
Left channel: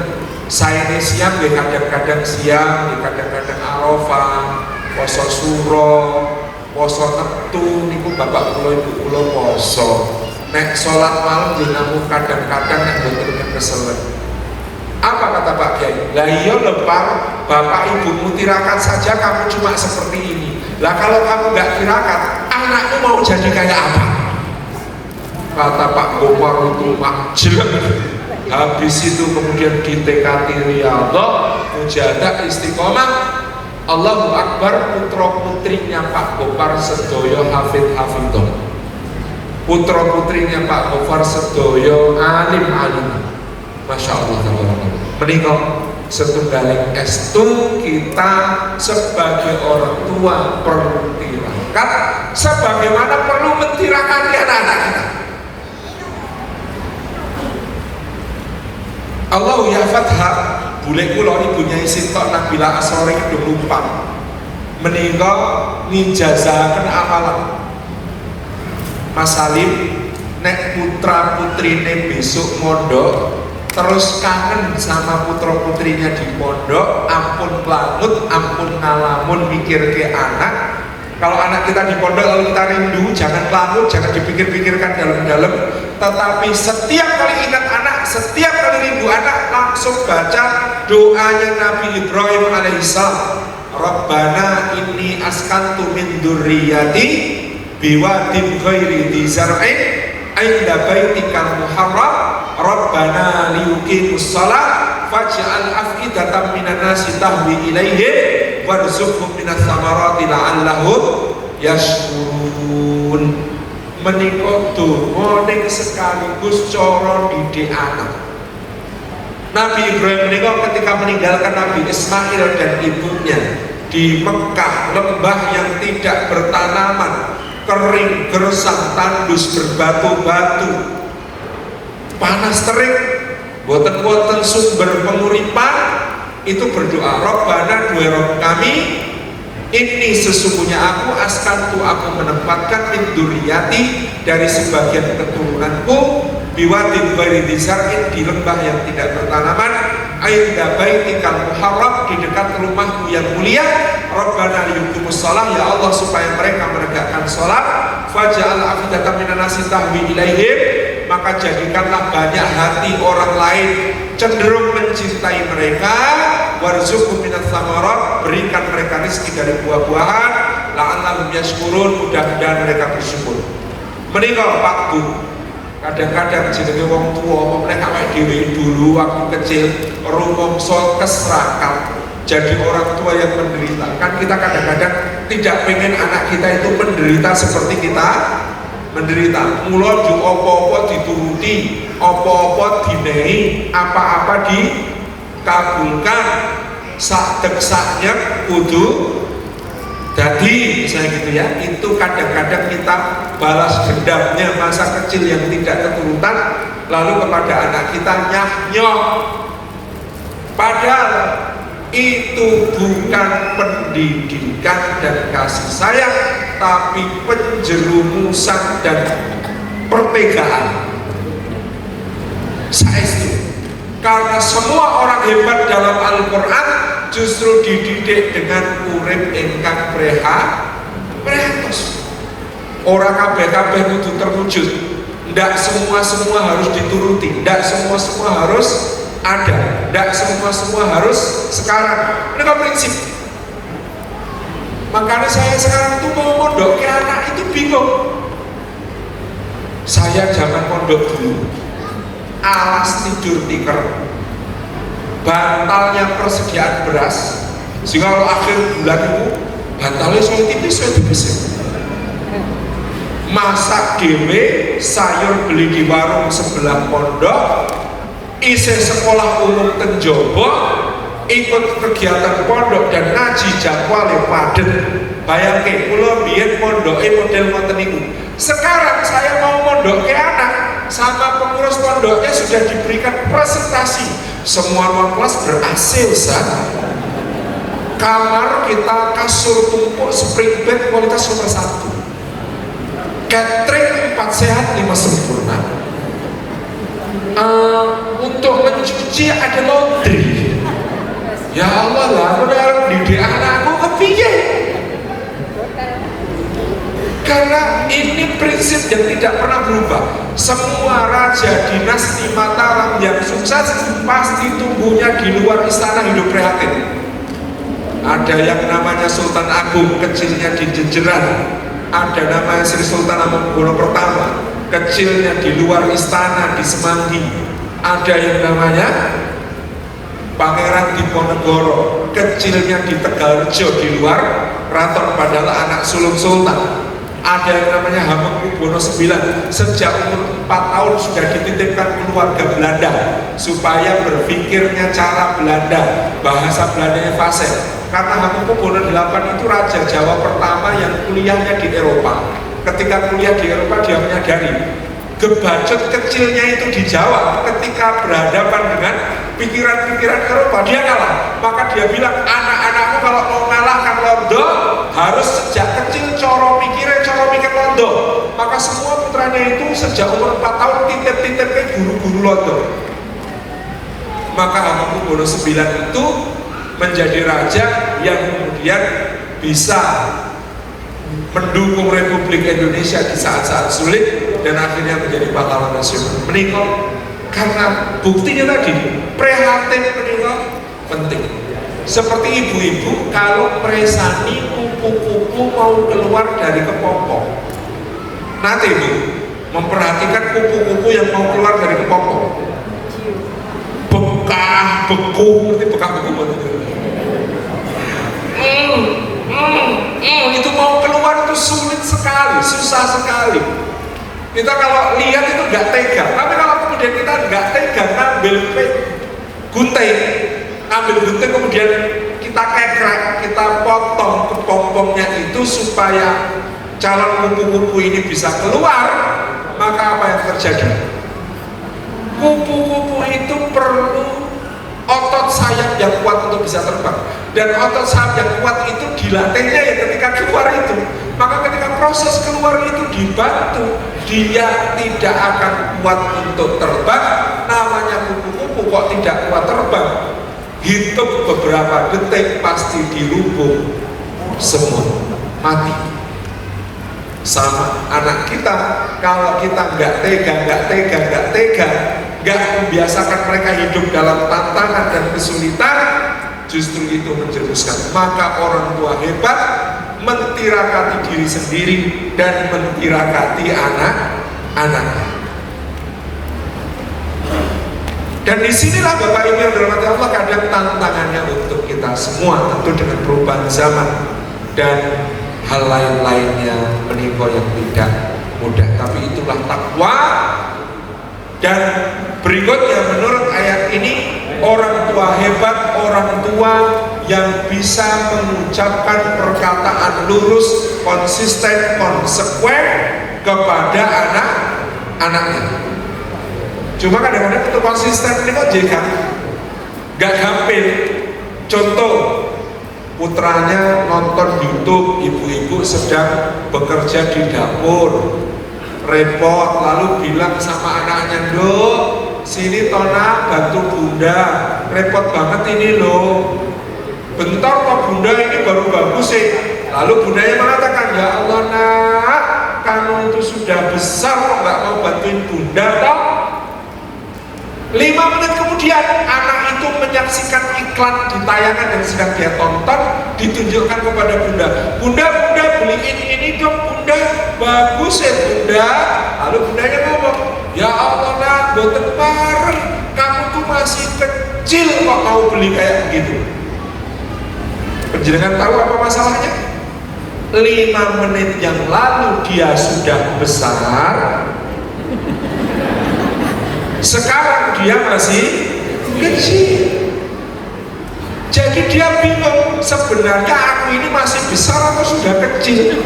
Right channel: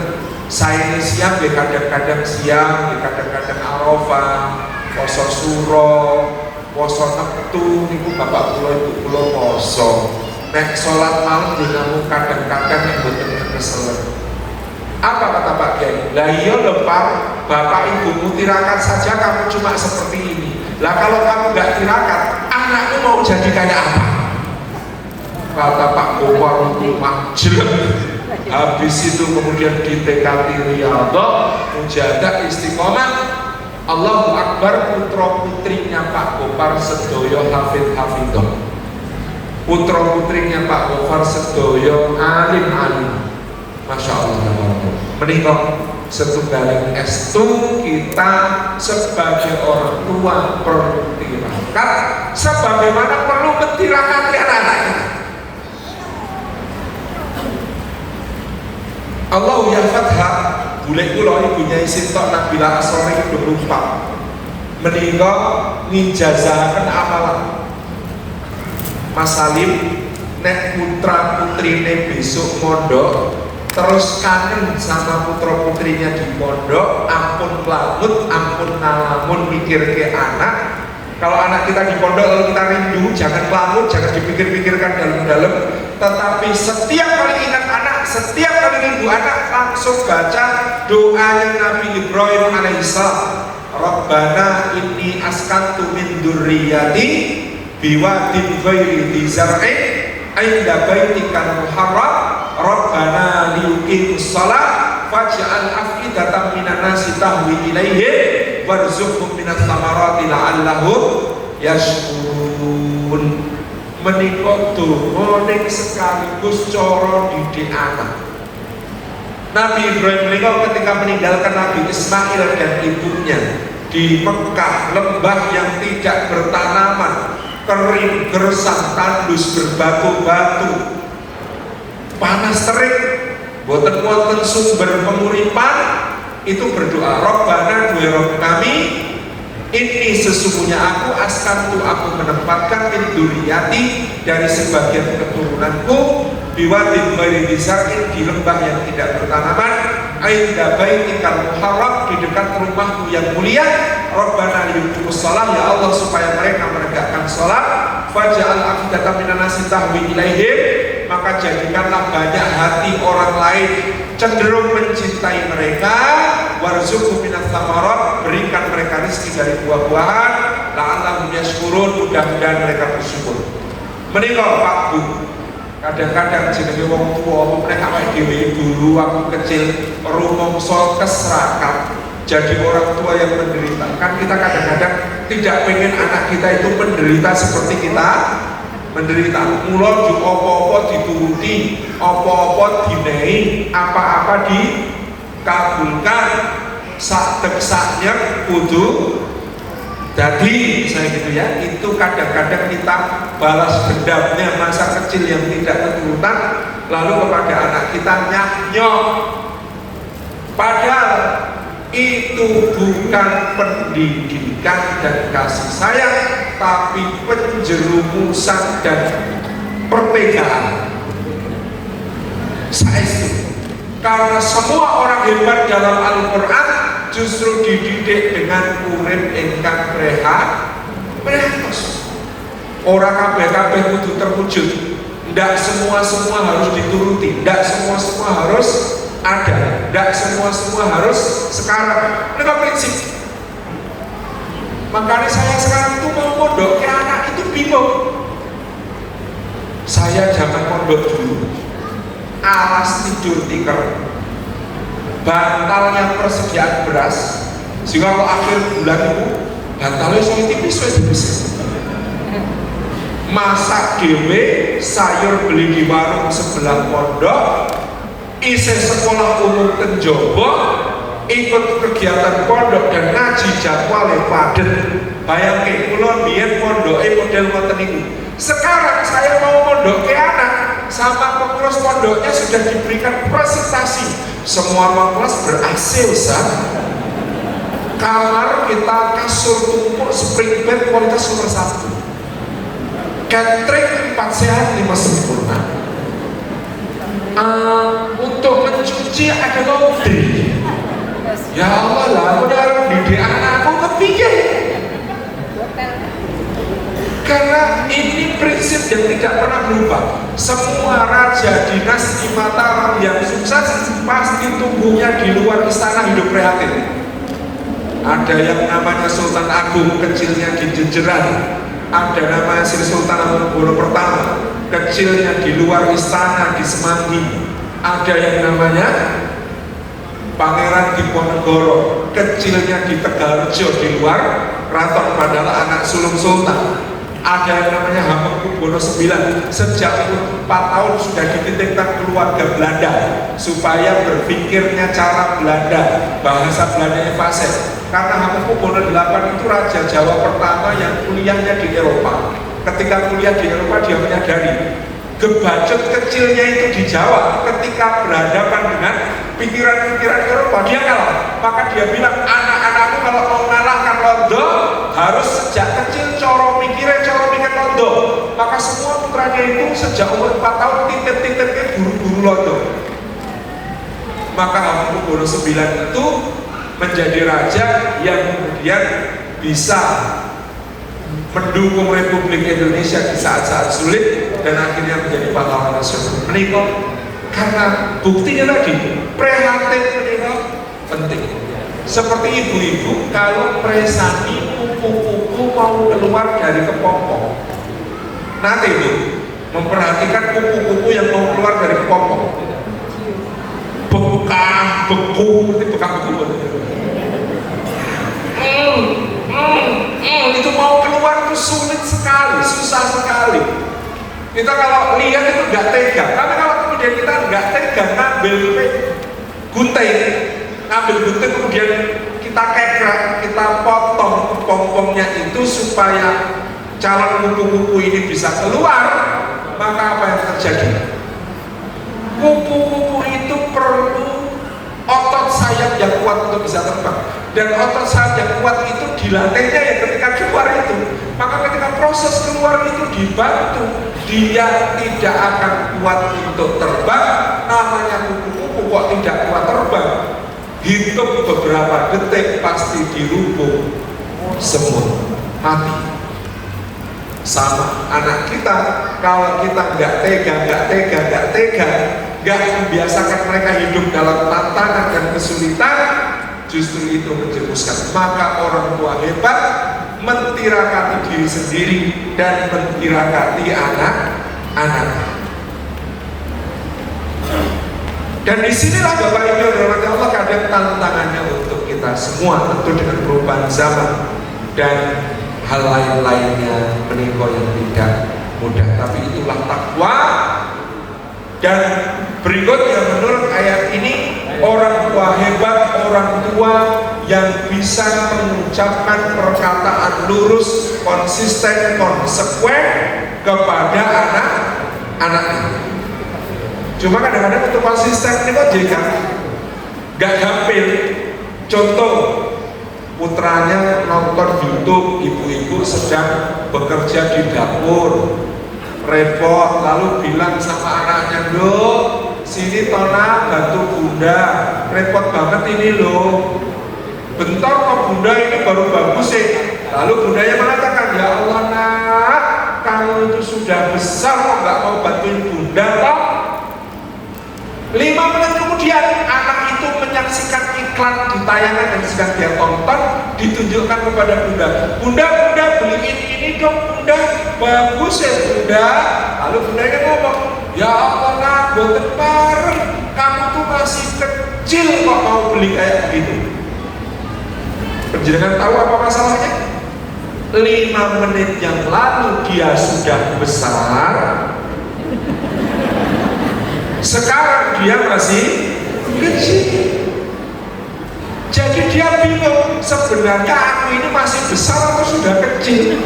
saene siang nggih kadang-kadang siang, nggih kadang-kadang Arafah, poso suro, poso neptu niku bapak kula ibu kula poso. Nek sholat malam nggih namun kadang-kadang nek mboten keselen. Apa kata Pak Kiai? Lah iya lho Pak, bapak ibumu tirakat saja kamu cuma seperti ini. Lah kalau kamu nggak tirakat, anakmu mau jadi kayak apa? Kata Pak Gopar itu makjelek. Habis itu kemudian ditekati riyadhah, mujahadah istiqomah. Allahu Akbar, putra putrinya Pak Gopar sedoyo hafidh-hafidhah. Putra putrinya Pak Gopar sedoyo alim-alim. Masya Allah. Menikah setunggaling estu kita sebagai orang tua perlu tirakat, sebagaimana perlu mentirakati anak-anak kita. Allah ya fathah boleh kula ibunya Sinta Nabila Asrori kedemumpang menikah ninjazakan amalan Mas Salim nek putra putrine besok mondok terus kangen sama putra putrinya di pondok, ampun pelanut, ampun ngalamun mikir ke anak. Kalau anak kita di pondok kalau kita rindu, jangan pelanut, jangan dipikir-pikirkan dalam-dalam. Tetapi setiap kali ingat anak, setiap kali rindu anak, langsung baca doanya Nabi Ibrahim alaihissalam. Rabbana inni askantu min dzurriyyati biwadin ghairi dzi zar'in 'inda baitikal muharram. Rabbana liyuqimus shalah faj'al af'idatan minan nasi tahwi ilaihim warzuqhum minas thamarati la'allahum yashkurun. Menika donga ning sekaligus cara didik anak. Nabi Ibrahim menika ketika meninggalkan Nabi Ismail dan ibunya di Mekah, lembah yang tidak bertanaman, kering, gersang, tandus, berbatu-batu, panas terik, boten-boten sumber penguripan, itu berdoa, Rabbana dua Rabb kami, ini sesungguhnya aku askantu, aku menempatkan min dzurriyyati dari sebagian keturunanku biwadin ghairi dzi zar'in di lembah yang tidak bertanaman, ainda baitikal muharram di dekat rumahmu yang mulia. Rabbana liyuqimus shalah, ya Allah supaya mereka menegakkan salat. Faj'al afidatan minan nasi tahwi ilaihim, maka jadikanlah banyak hati orang lain cenderung mencintai mereka. Warzuqhum minas tsamarat, berikan mereka rezeki dari buah-buahan. La'allahum yashkurun, mudah-mudahan mereka bersyukur. Menika Pak Bu, kadang-kadang jenenge wong tuwa nek awake dhewe dulu waktu kecil rumangsa keserakan jadi orang tua yang menderita, kan kita kadang-kadang tidak pengen anak kita itu menderita seperti kita menderita. Mula jo apa-apa dituruti, apa-apa dinehi, apa-apa dikabulkan, sak deksaknya kudu jadi saya gitu ya. Itu kadang-kadang kita balas dendamnya masa kecil yang tidak keturutan lalu kepada anak kita nyah-nyok, padahal itu bukan pendidikan dan kasih sayang, tapi penjerumusan dan perpegaan. Saestu, karena semua orang hebat dalam Al-Quran justru dididik dengan urip ingkang prehatos. Orang kabeh-kabeh kudu terwujud. Ndak semua harus dituruti, ndak semua harus ada, ndak semua harus sekarang. Ini prinsip. Makanya saya sekarang itu mau mondok ke anak itu bingung. Saya jangan mondok dulu, alas tidur tikar, bantalnya persediaan beras, sehingga kalau akhir bulan itu bantalnya sulit tipis. Masak dewe, sayur beli di warung sebelah pondok, isi sekolah umum kenjobo, ikut kegiatan pondok dan ngaji jadwalnya padet. Bayangke kula biyen pondoke model ngoten niku. Sekarang saya mau mondok ke anak, sama pengurus pondoknya sudah diberikan presentasi. Semua kelas ber-AC, kamar kita kasur tumpuk spring bed kualitas nomor 1, catering 4 sehat 5 sempurna. Untuk mencuci ada laundry. Ya Allah lah, aku harus didik anakku kepiye? Karena ini prinsip yang tidak pernah berubah. Semua raja dinasti Mataram yang sukses pasti tumbuhnya di luar istana hidup prihatin. Ada yang namanya Sultan Agung, kecilnya di Jejeran. Ada namanya Sri Sultan Hamengkubuwono Pertama, kecilnya di luar istana di Semanggi. Ada yang namanya Pangeran Diponegoro, kecilnya di Tegalrejo di luar Keraton Padang, anak sulung Sultan. Ada yang namanya Hamengkubuwono IX, sejak umur 4 tahun sudah dititipkan keluarga Belanda supaya berpikirnya cara Belanda, bahasa Belandanya fasih. Karena Hamengkubuwono VIII itu raja Jawa pertama yang kuliahnya di Eropa. Ketika kuliah di Eropa dia menyadari gebacot kecilnya itu di Jawa, ketika berhadapan dengan pikiran-pikiran Eropa dia kalah. Maka dia bilang, anak-anakku kalau mau ngalahkan Londo harus sejak kecil coro mikir Londo. Maka semua putranya itu sejak umur 4 tahun titip-titip ke guru-guru Londo. Maka Hamengkubuwono IX itu menjadi raja yang kemudian bisa mendukung Republik Indonesia di saat-saat sulit dan akhirnya menjadi pahlawan nasional. Menikah karena buktinya tadi prihatin menikah penting. Seperti ibu-ibu kalau meresani kuku-kuku mau keluar dari kepompong, nanti ibu memperhatikan kuku-kuku yang mau keluar dari kepompong, bekah, beku, seperti bekah beku. Itu mau keluar itu sulit sekali, susah sekali. Kita kalau lihat itu nggak tega. Tapi kalau kemudian kita nggak tega ngambil gunting, kemudian kita kekrek, kita potong kepompongnya itu supaya calon kupu-kupu ini bisa keluar, maka apa yang terjadi? Kupu-kupu itu perlu otot sayap yang kuat untuk bisa terbang, dan otot sayap yang kuat itu dilatihnya ya ketika keluar itu. Maka ketika proses keluar itu dibantu, dia tidak akan kuat untuk terbang. Namanya kupu-kupu kok tidak kuat terbang, hitung beberapa detik pasti dilubung semua, mati. Sama anak kita, kalau kita nggak membiasakan mereka hidup dalam tantangan dan kesulitan, justru itu menjerumuskan. Maka orang tua hebat mentirakati diri sendiri dan mentirakati anak-anak. Dan disinilah Bapak Ibu yang dirahmati Allah, kadang tantangannya untuk kita semua, tentu dengan perubahan zaman dan hal lain-lainnya menimpa yang tidak mudah. Tapi itulah takwa. Dan berikutnya menurut ayat ini, orang tua hebat, orang tua yang bisa mengucapkan perkataan lurus, konsisten, konsekuen kepada anak-anaknya. Cuma kadang-kadang untuk konsisten ini kok jadi gak gampil. Contoh, putranya nonton YouTube, ibu-ibu sedang bekerja di dapur, repot, lalu bilang sama anaknya, "Loh, sini Tona bantu bunda, repot banget ini loh. Bentar kok bunda, ini baru bagus sih." Lalu bundanya mengatakan, "Ya Allah nak, kamu itu sudah besar kok gak mau bantuin bunda toh?" 5 menit kemudian anak itu menyaksikan iklan di tayangan yang sedang dia tonton, ditunjukkan kepada bunda. Bunda beliin ini dong bunda, bagus ya bunda. Lalu bundanya ngomong, "Ya Allah nak, boten bareng, kamu tuh masih kecil kok mau beli kayak begitu." Penjenengan tahu apa masalahnya? 5 menit yang lalu dia sudah besar, sekarang dia masih kecil. Jadi dia bingung, sebenarnya aku ini masih besar atau sudah kecil?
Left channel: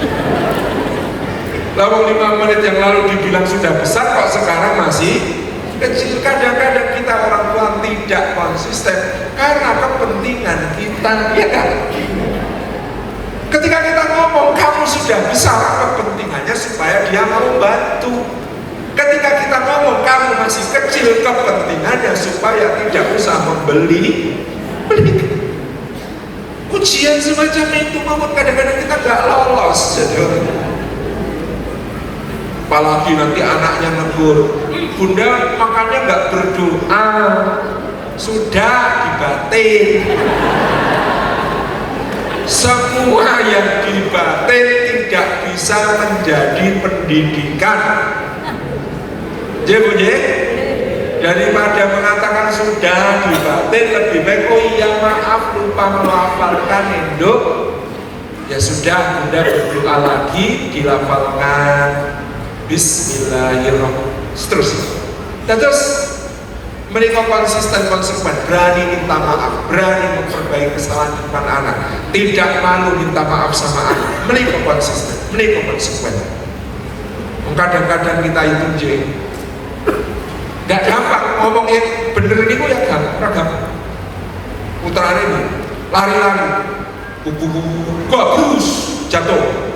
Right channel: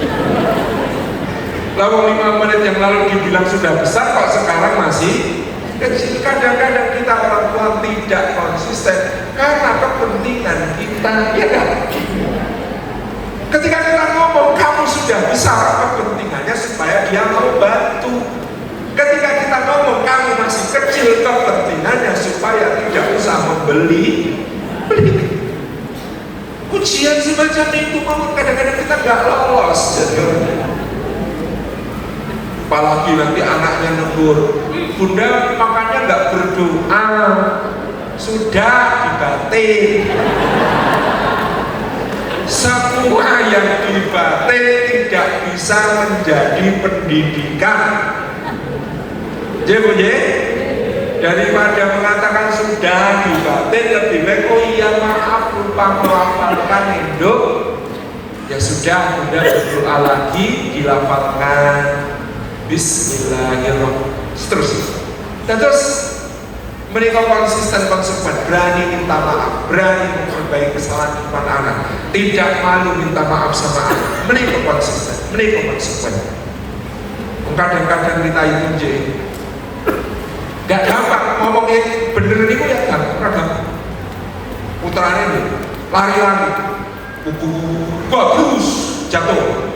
Lalu 5 menit yang lalu dibilang sudah besar, kok sekarang masih kecil. Kadang-kadang kita orang tua tidak konsisten karena kepentingan kita, ya kan? Ketika kita ngomong, kamu sudah besar, apa kepentingannya supaya dia mau bantu. Ketika kita ngomong, kamu masih kecil, kepentingannya supaya tidak usah membeli. Ujian semacam itu kadang-kadang kita gak lolos. Jadi apalagi nanti anaknya negur, bunda makannya gak berdoa, sudah dibatin. Semua yang dibatin tidak bisa menjadi pendidikan. Jadi daripada mengatakan sudah dibatin, lebih baik oh iya maaf lupa melafalkan induk. Ya sudah, bunda berdoa lagi, dilafalkan Bismillahirrahmanirrahim. Terus mereka konsisten konsekuen, berani minta maaf, berani memperbaiki kesalahan depan anak, tidak malu minta maaf sama anak. Mereka konsisten, mereka konsekuen. Kadang-kadang kita itu gak gampang ngomongin bener ini kok ya gampang. Putaran ini lari-lari, bagus jatuh.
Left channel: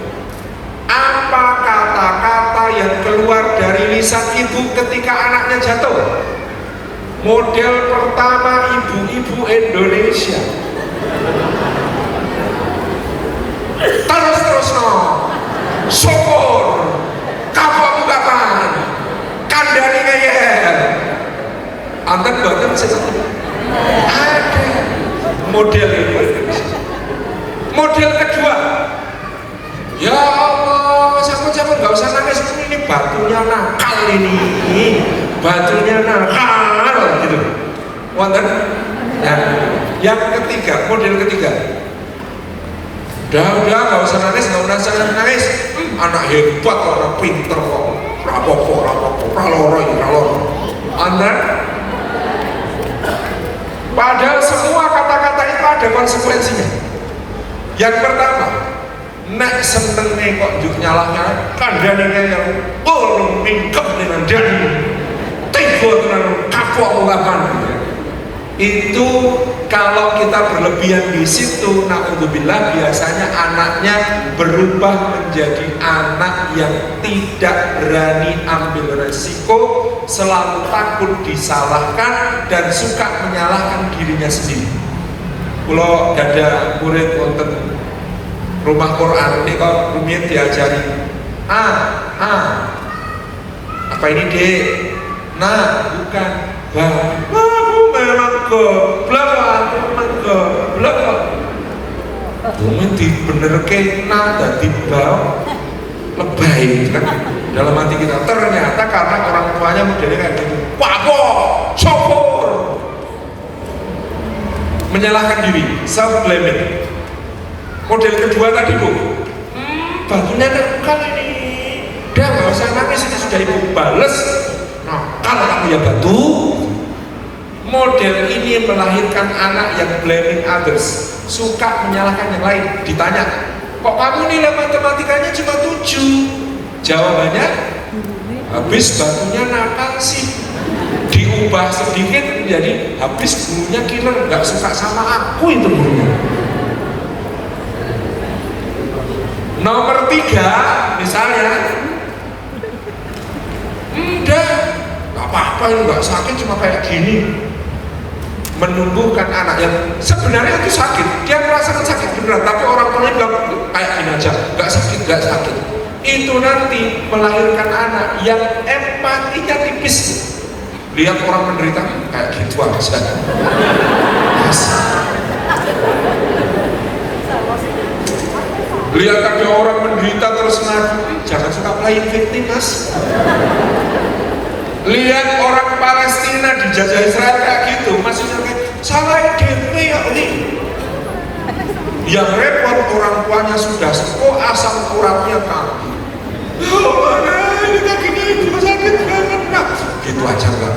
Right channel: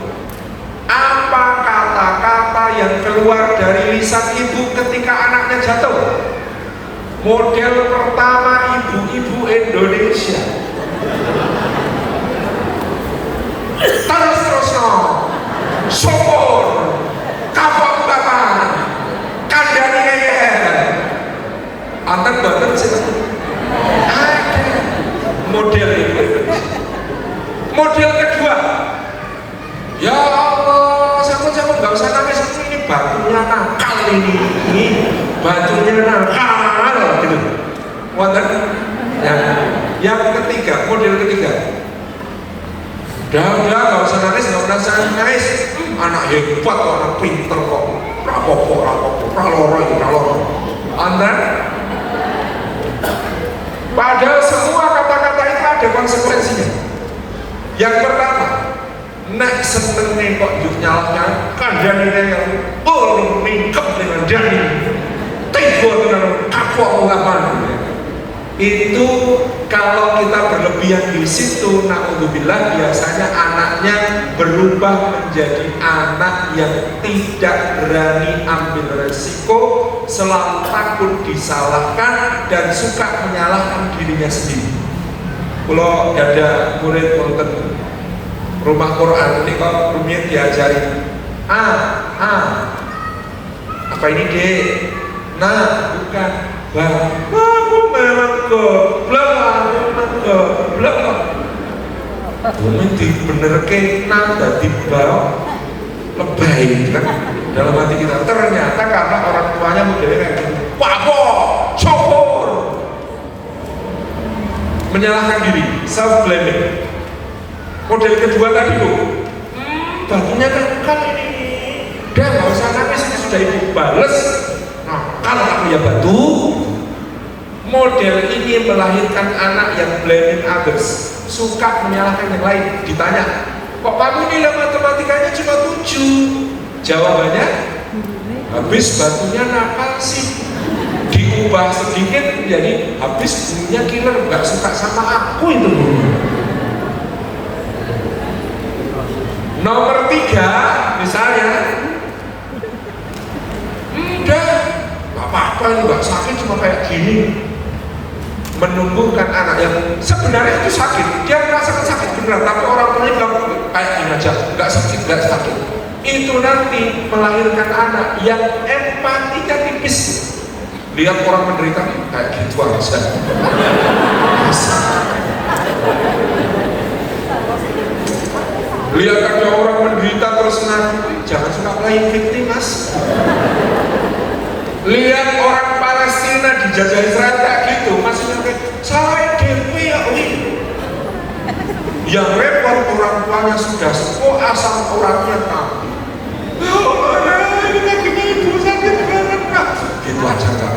Apa kata-kata yang keluar dari lisan ibu ketika anaknya jatuh? Model pertama ibu-ibu Indonesia. Terus syukur, kapok katan, kandani ngeyel. Antar badan ada model ini. Model kedua, ya Allah, siapa-siapa nggak usah nangis, ini batunya nakal ini, batunya nakal gitu. Wonten? Ya. Yang ketiga, model ketiga. Udah nggak usah nangis, nggak usah nangis. Anak hebat, orang pinter kok. Rapopo, raloro. Anda? Padahal semua kata-kata itu ada konsekuensinya. Yang pertama, nek senengnya kok juk nyalahnya, kandangnya yang mingkem dengan dani, tiga dengan kapok lapan. Itu kalau kita berlebihan di situ, naudzubillah, biasanya anaknya berubah menjadi anak yang tidak berani ambil resiko, selalu takut disalahkan dan suka menyalahkan dirinya sendiri. Kalau ada murid wonten rumah Quran ini kalau rumiyin diajari apa ini dek? Nah bukan aku memang goblok ini dibenerke dadi bab lebay kan dalam hati kita. Ternyata karena orang tuanya modelnya kayak gitu, syukur, menyalahkan diri, self blaming. Model kedua tadi bu, batunya nakal ini, udah nggak usah nangis, ini sudah ibu bales. Nah, kalau kamu ya batu. Model ini melahirkan anak yang blaming others, suka menyalahkan yang lain. Ditanya, kok kamu nilai matematikanya cuma 7? Jawabannya, habis batunya nakal sih. Diubah sedikit menjadi habis gurunya killer, nggak suka sama aku itu gurunya. Nomor 3, misalnya, udah, nggak apa-apa, nggak sakit, cuma kayak gini. Menumbuhkan anak yang sebenarnya itu sakit, dia merasakan sakit beneran, tapi orang tuanya bilang kayak gini aja, nggak sakit. Itu nanti melahirkan anak yang empatinya tipis. Lihat orang menderita kayak gitu aja. Lihat ada orang menderita terus ngaku, jangan suka playing victim mas. Lihat orang Palestina dijajah Israel kayak gitu, masih nyangkut salah DP ya ini. Yang repot orang tuanya sudah sepuh, asam uratnya kamu. Ini kaki ibu sakit banget, gitu aja enggak.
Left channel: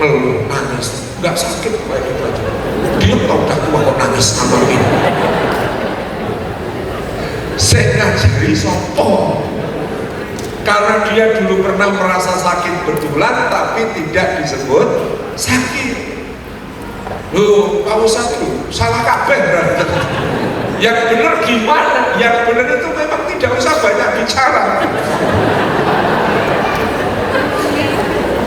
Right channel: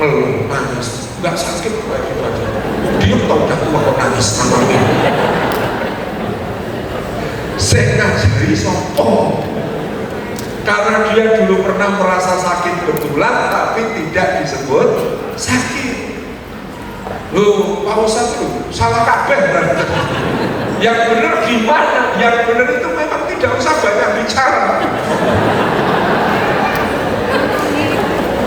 Ngeluh, nangis, enggak sakit kayak gitu aja. Dia tau udah tua nangis ini. Saya ngajari sopo. Karena dia dulu pernah merasa sakit betulan tapi tidak disebut sakit. Loh, Pak Ustadz itu salah kabeh berarti. Yang benar gimana? Yang benar itu memang tidak usah banyak bicara.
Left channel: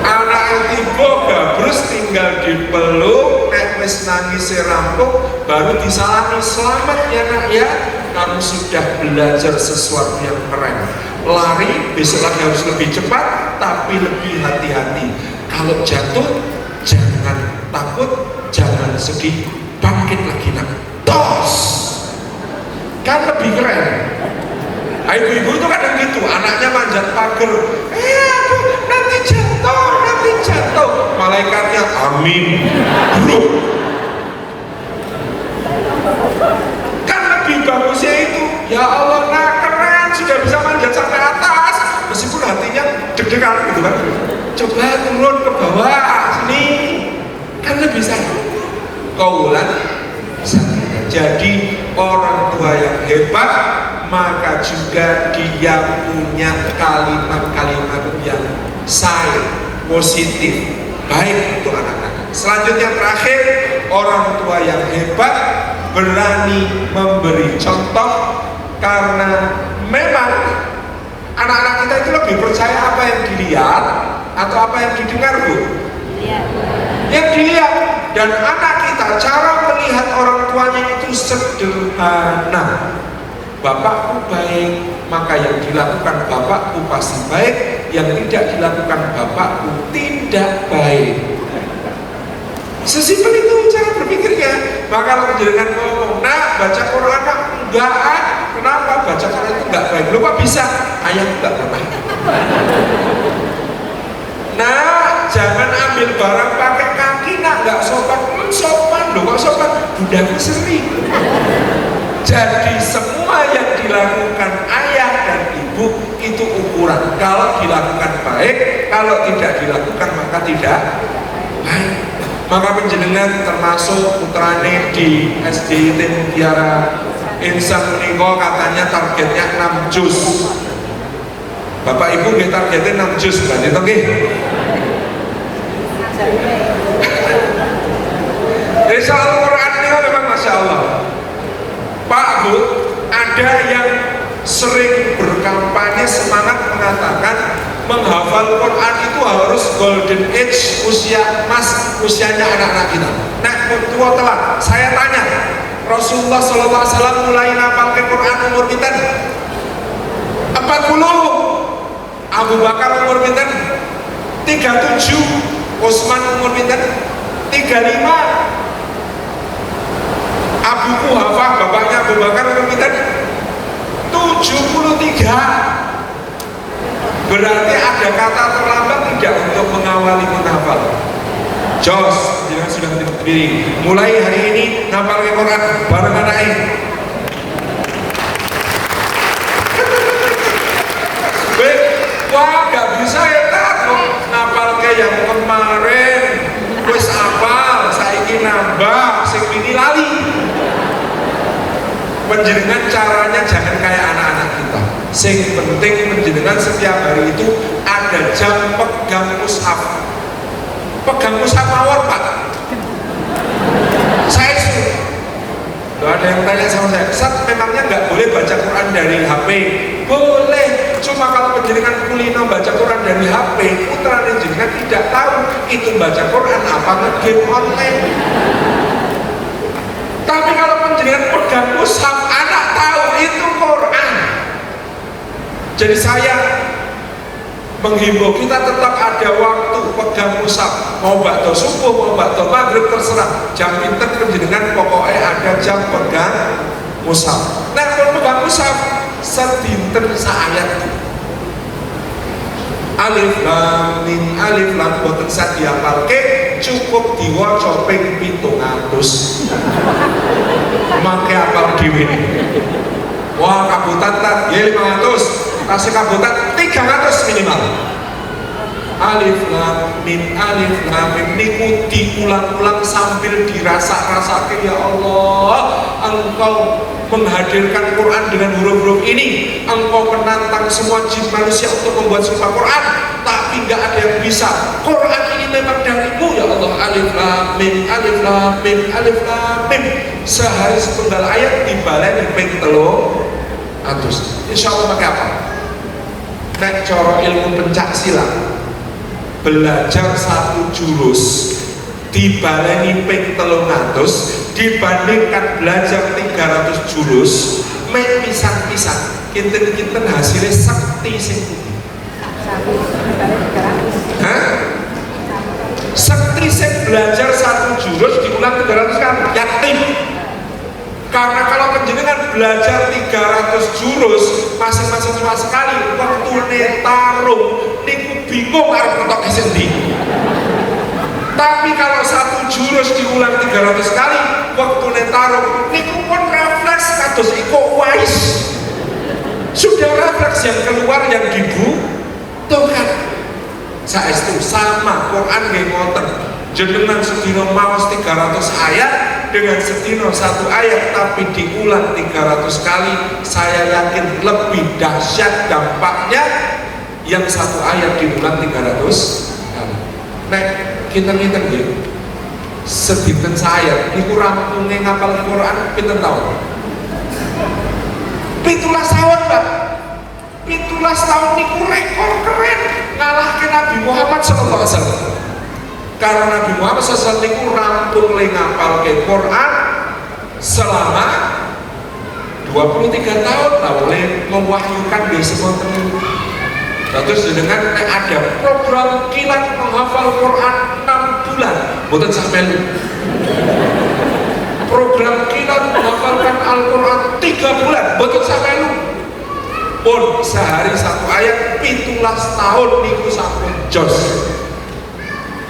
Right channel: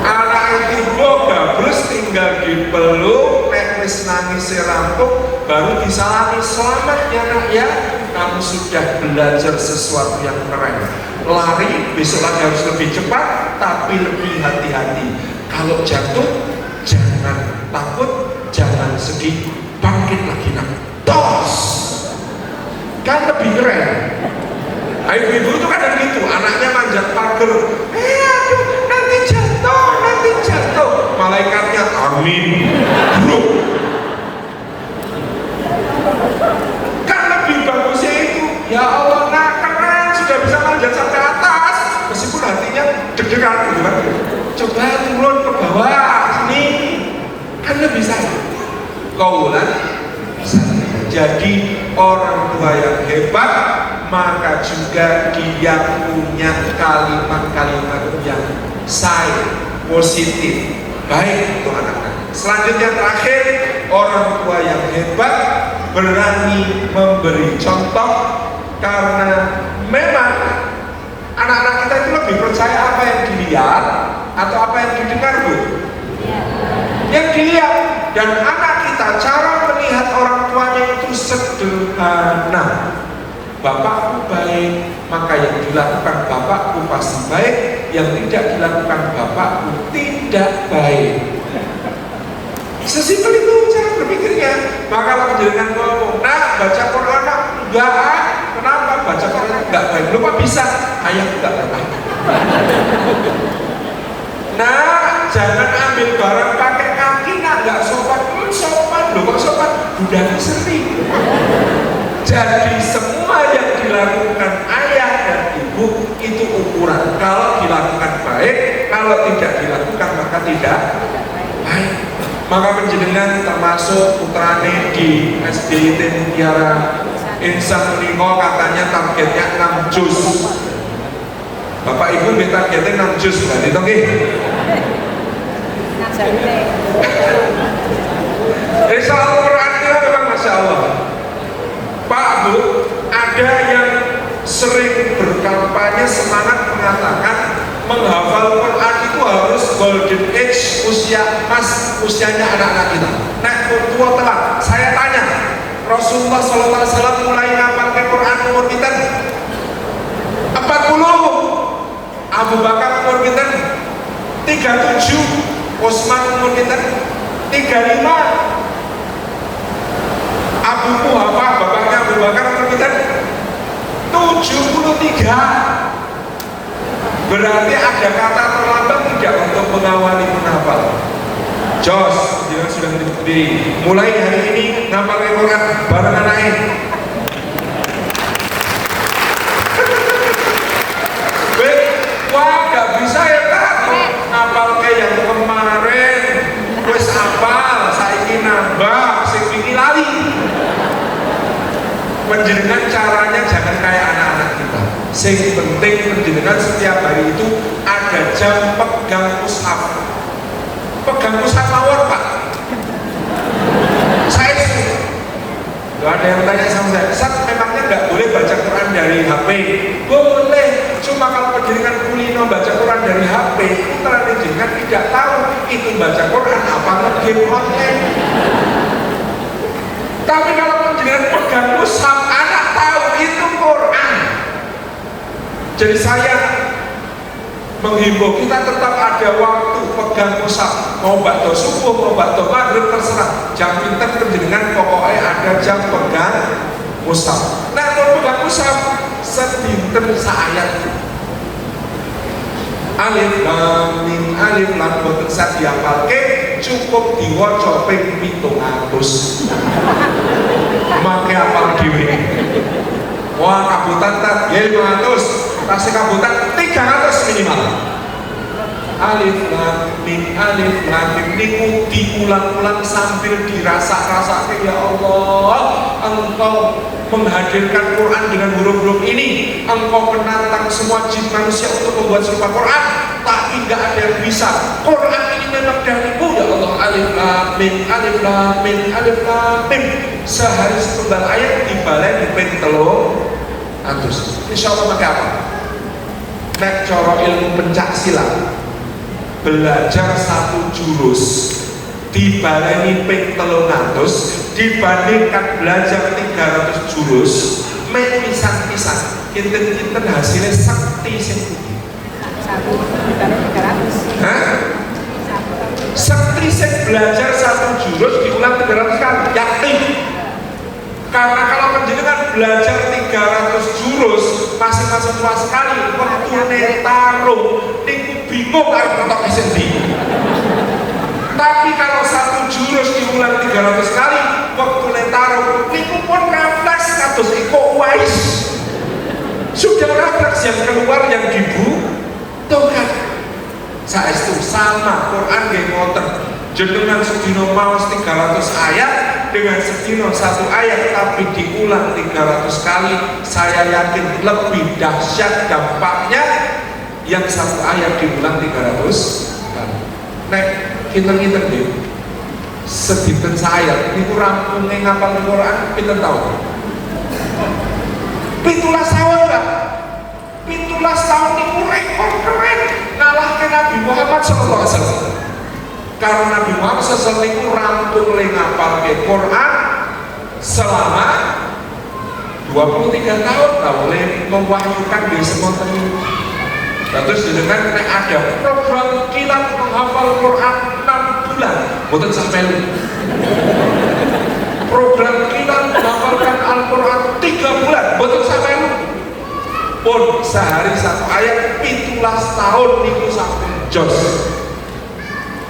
Anak tiba bagus tinggal dipeluk, nek wis nangis rampung, baru disalami, selamat ya nak ya, kamu sudah belajar sesuatu yang keren. Lari besok lagi harus lebih cepat, tapi lebih hati-hati. Kalau jatuh, jangan takut, jangan sedih, bangkit lagi nak. Tos, kan lebih keren. Ibu-ibu itu kadang gitu, anaknya manjat pagar, aduh nanti jatuh, malaikatnya amin. Kan lebih bagusnya itu, ya Allah nak keren, sudah bisa manjat sampai atas, meskipun hatinya deg-degan gitu kan. Coba turun ke bawah sini, kan lebih sakit. Kaulan, jadi orang tua yang hebat, maka juga dia punya kalimat-kalimat yang positif, baik untuk anak-anak. Selanjutnya terakhir, orang tua yang hebat berani memberi contoh, karena memang anak-anak kita itu lebih percaya apa yang dilihat atau apa yang didengar, Bu? Yang dilihat. Dan anak kita cara melihat orang tuanya itu sederhana. Bapakku baik, maka yang dilakukan bapakku pasti baik, yang tidak dilakukan bapakku tidak baik. Sesimpel itu cara berpikirnya. Maka kalau penjelasan ngomong, nah baca Quran enggak, kenapa baca Quran itu enggak baik? Lu kok bisa? Ayah enggak berbaik. Nah, jangan ambil barang pakai kaki, nah enggak sopan. Sopan, loh kok sopan? Budaknya sering. Jadi semua yang dilakukan ayah dan ibu itu ukuran. Kalau dilakukan baik, kalau tidak dilakukan maka tidak baik. Maka penjenengan termasuk putrane di SDIT Mutiara Insan Uniko katanya targetnya 6 juz. Bapak ibu targetnya 6 juz, berarti itu nggih. Jadi soal Qurannya memang Masya Allah. Pak Bu, ada yang sering berkampanye semangat mengatakan menghafal Quran itu harus golden age, usia emas, usianya anak-anak kita. Nah, tua telah. Saya tanya, Rasulullah SAW mulai ngapalkan Quran umur kita 40, Abu Bakar umur kita 37, Utsman umur kita 35, Abu Kuhafah bapaknya Abu Bakar umur kita 73. Berarti ada kata terlambat tidak untuk mengawali menghafal. Jos, jangan sudah berdiri. Mulai hari ini ngapal Quran bareng anaknya. Wah, gak bisa ya tak ngapal kayak yang kemarin. Wes apal, saiki nambah, sing ini lali. Penjenengan caranya jangan kayak anak-anak kita. Sing penting penjenengan setiap hari itu ada jam pegang mushaf. Pegang mushaf mawon Pak. Saya suruh. Ada yang tanya sama saya, Ustaz, memangnya nggak boleh baca Quran dari HP? Boleh, cuma kalau penjenengan kulino baca Quran dari HP, putra penjenengan tidak tahu itu baca Quran apa game online. Tapi kalau penjenengan pegang mushaf, anak tahu itu Quran. Jadi saya menghimbau kita tetap ada waktu pegang mushaf. Mau bakto subuh, mau bakto maghrib terserah. Jam pinter penjenengan pokoknya ada jam pegang mushaf. Nah kalau pegang mushaf sedinten saayat. Alif lam mim alif lam boten sak diapalke, cukup diwaca ping 700. Make apal dhewe. Wah kabutan tak ya 500, kasih kabutan 300 minimal. Alif lam mim niku diulang-ulang sambil dirasa-rasake. Ya Allah, Engkau menghadirkan Quran dengan huruf-huruf ini. Engkau menantang semua jin manusia untuk membuat serupa Quran, tapi nggak ada yang bisa. Quran ini memang darimu ya Allah. alif lam mim alif lam mim alif lam mim. Sehari setunggal ayat dibaleni ping 300. Insyaallah pakai apa? Nek cara ilmu pencak silat, belajar satu jurus dibaleni ping 300 dibandingkan belajar 300 jurus mek pisang-pisang kinten-kinten hasilnya sakti sing pundi? Sakti sing belajar satu jurus diulang 300 kali yakin. Karena kalau penjenengan belajar 300 jurus masing-masing tua sekali waktu tarung niku bingung arep entuk esendi. Tapi kalau satu jurus diulang 300 kali waktu tarung niku pun refleks kados Iko Uwais. Sudah refleks yang keluar yang dibutuhkan. Saestu sama Quran nggih ngoten. Jenengan sedina maos 300 ayat dengan sedina satu ayat tapi diulang 300 kali, saya yakin lebih dahsyat dampaknya yang satu ayat diulang 300 kali. Nek kinten-kinten nggih sedinten sayap niku rampunge ngapal Quran pinten taun? 17 tahun, Pak. 17 tahun niku rekor keren ngalahke Nabi Muhammad sallallahu alaihi wasallam. Karena Nabi Muhammad SAW niku rampung le ngapalke Quran selama 23 tahun oleh mewahyukan di semua teman. Terus dengan ada program kilat menghafal Quran 6 bulan, boten sampai lu. Program kilat menghafalkan Al-Quran 3 bulan, boten sampai lu. Pun sehari satu ayat 17 tahun niku sampai jos.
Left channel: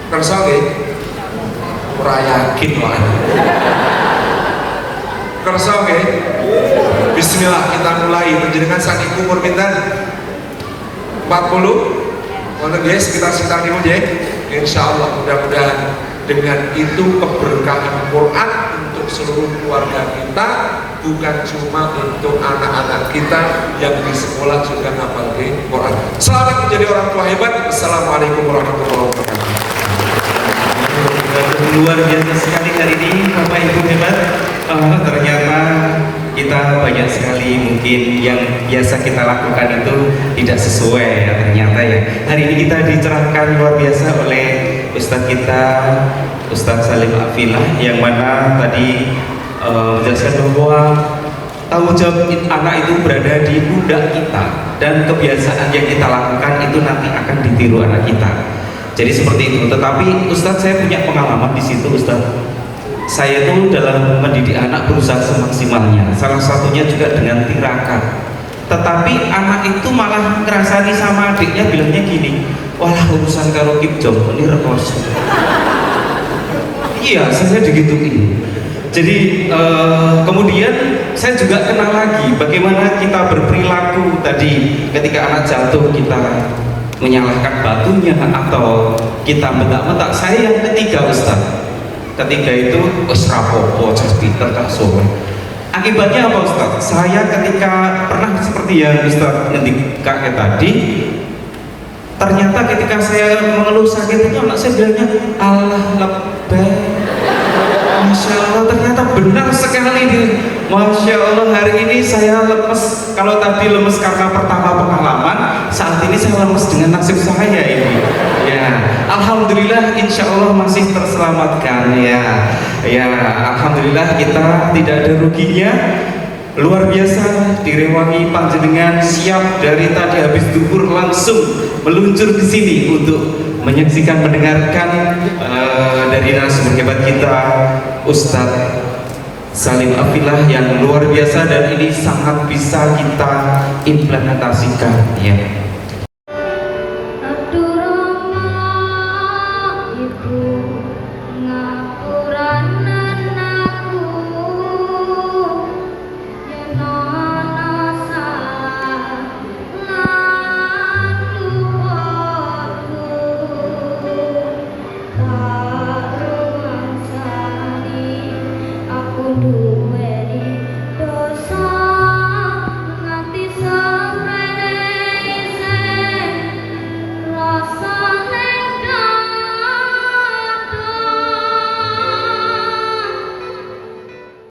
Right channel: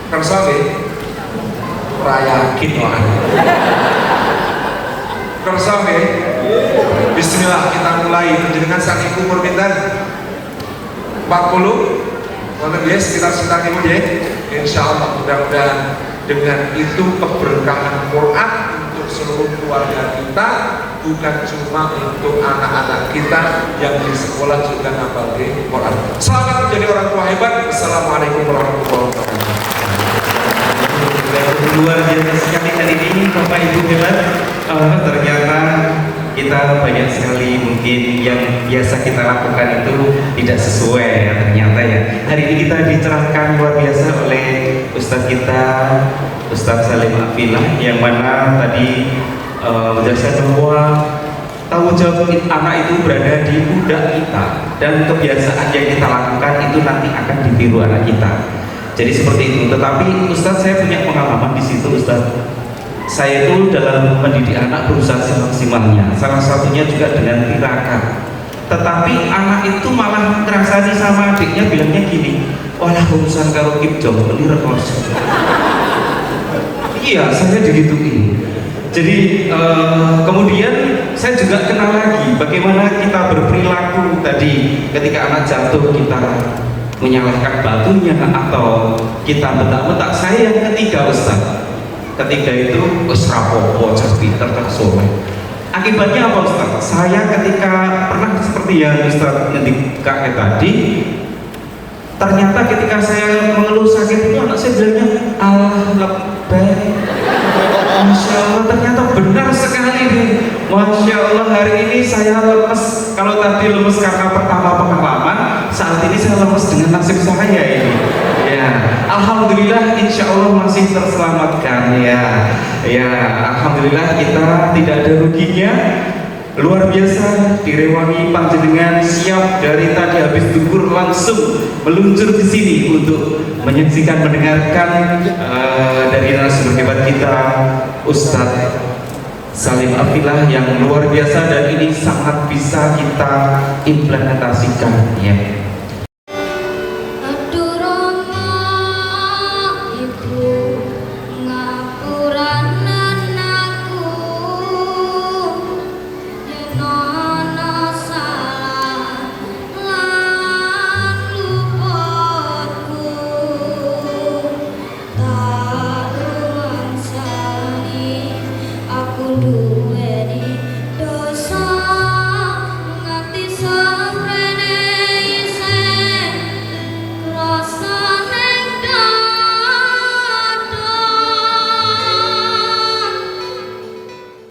Kersa nggih? Ora yakin orang. Kersa nggih? Bismillah kita mulai. Panjenengan sakniki umur pinten? 40? Wonten nggih sekitar niku nggih. Insyaallah mudah-mudahan dengan itu keberkahan Quran untuk seluruh keluarga kita, bukan cuma untuk anak-anak kita yang di sekolah juga ngapal Quran. Selamat menjadi orang tua hebat. Assalamualaikum warahmatullahi wabarakatuh. Luar biasa sekali hari ini Bapak Ibu hebat. Ternyata kita banyak sekali mungkin yang biasa kita lakukan itu tidak sesuai ya ternyata ya. Hari ini kita dicerahkan luar biasa oleh Ustadz kita, Ustadz Salim Afilah, yang mana tadi menjelaskan bahwa tanggung jawab anak itu berada di pundak kita dan kebiasaan yang kita lakukan itu nanti akan ditiru anak kita. Jadi seperti itu. Tetapi Ustadz saya punya pengalaman di situ Ustadz. Saya itu dalam mendidik anak berusaha semaksimalnya. Salah satunya juga dengan tirakat. Tetapi anak itu malah ngerasani sama adiknya bilangnya gini, walah urusan kalau Kim Jong ini rekoso. Iya, saya digituin. Jadi kemudian saya juga kenal lagi bagaimana kita berperilaku tadi ketika anak jatuh kita menyalahkan batunya atau kita bentak-bentak. Saya yang ketiga Ustaz, ketiga itu rapopo Pinter kan sore. Akibatnya apa Ustaz? Saya ketika pernah seperti yang Ustaz ngendikakan tadi, ternyata ketika saya mengeluh sakit itu anak saya bilangnya Allah lebih. Masya Allah, ternyata benar sekali nih. Masya Allah, hari ini saya lemes. Kalau tadi lemes karena pertama pengalaman, saat ini saya lemes dengan nasib saya ini. Ya, alhamdulillah, insya Allah masih terselamatkan. Ya, alhamdulillah kita tidak ada ruginya. Luar biasa, direwangi panjenengan siap dari tadi habis duhur langsung meluncur ke sini untuk menyaksikan, mendengarkan dari narasumber hebat kita Ustadz Salim Afilah yang luar biasa dan ini sangat bisa kita implementasikan ya.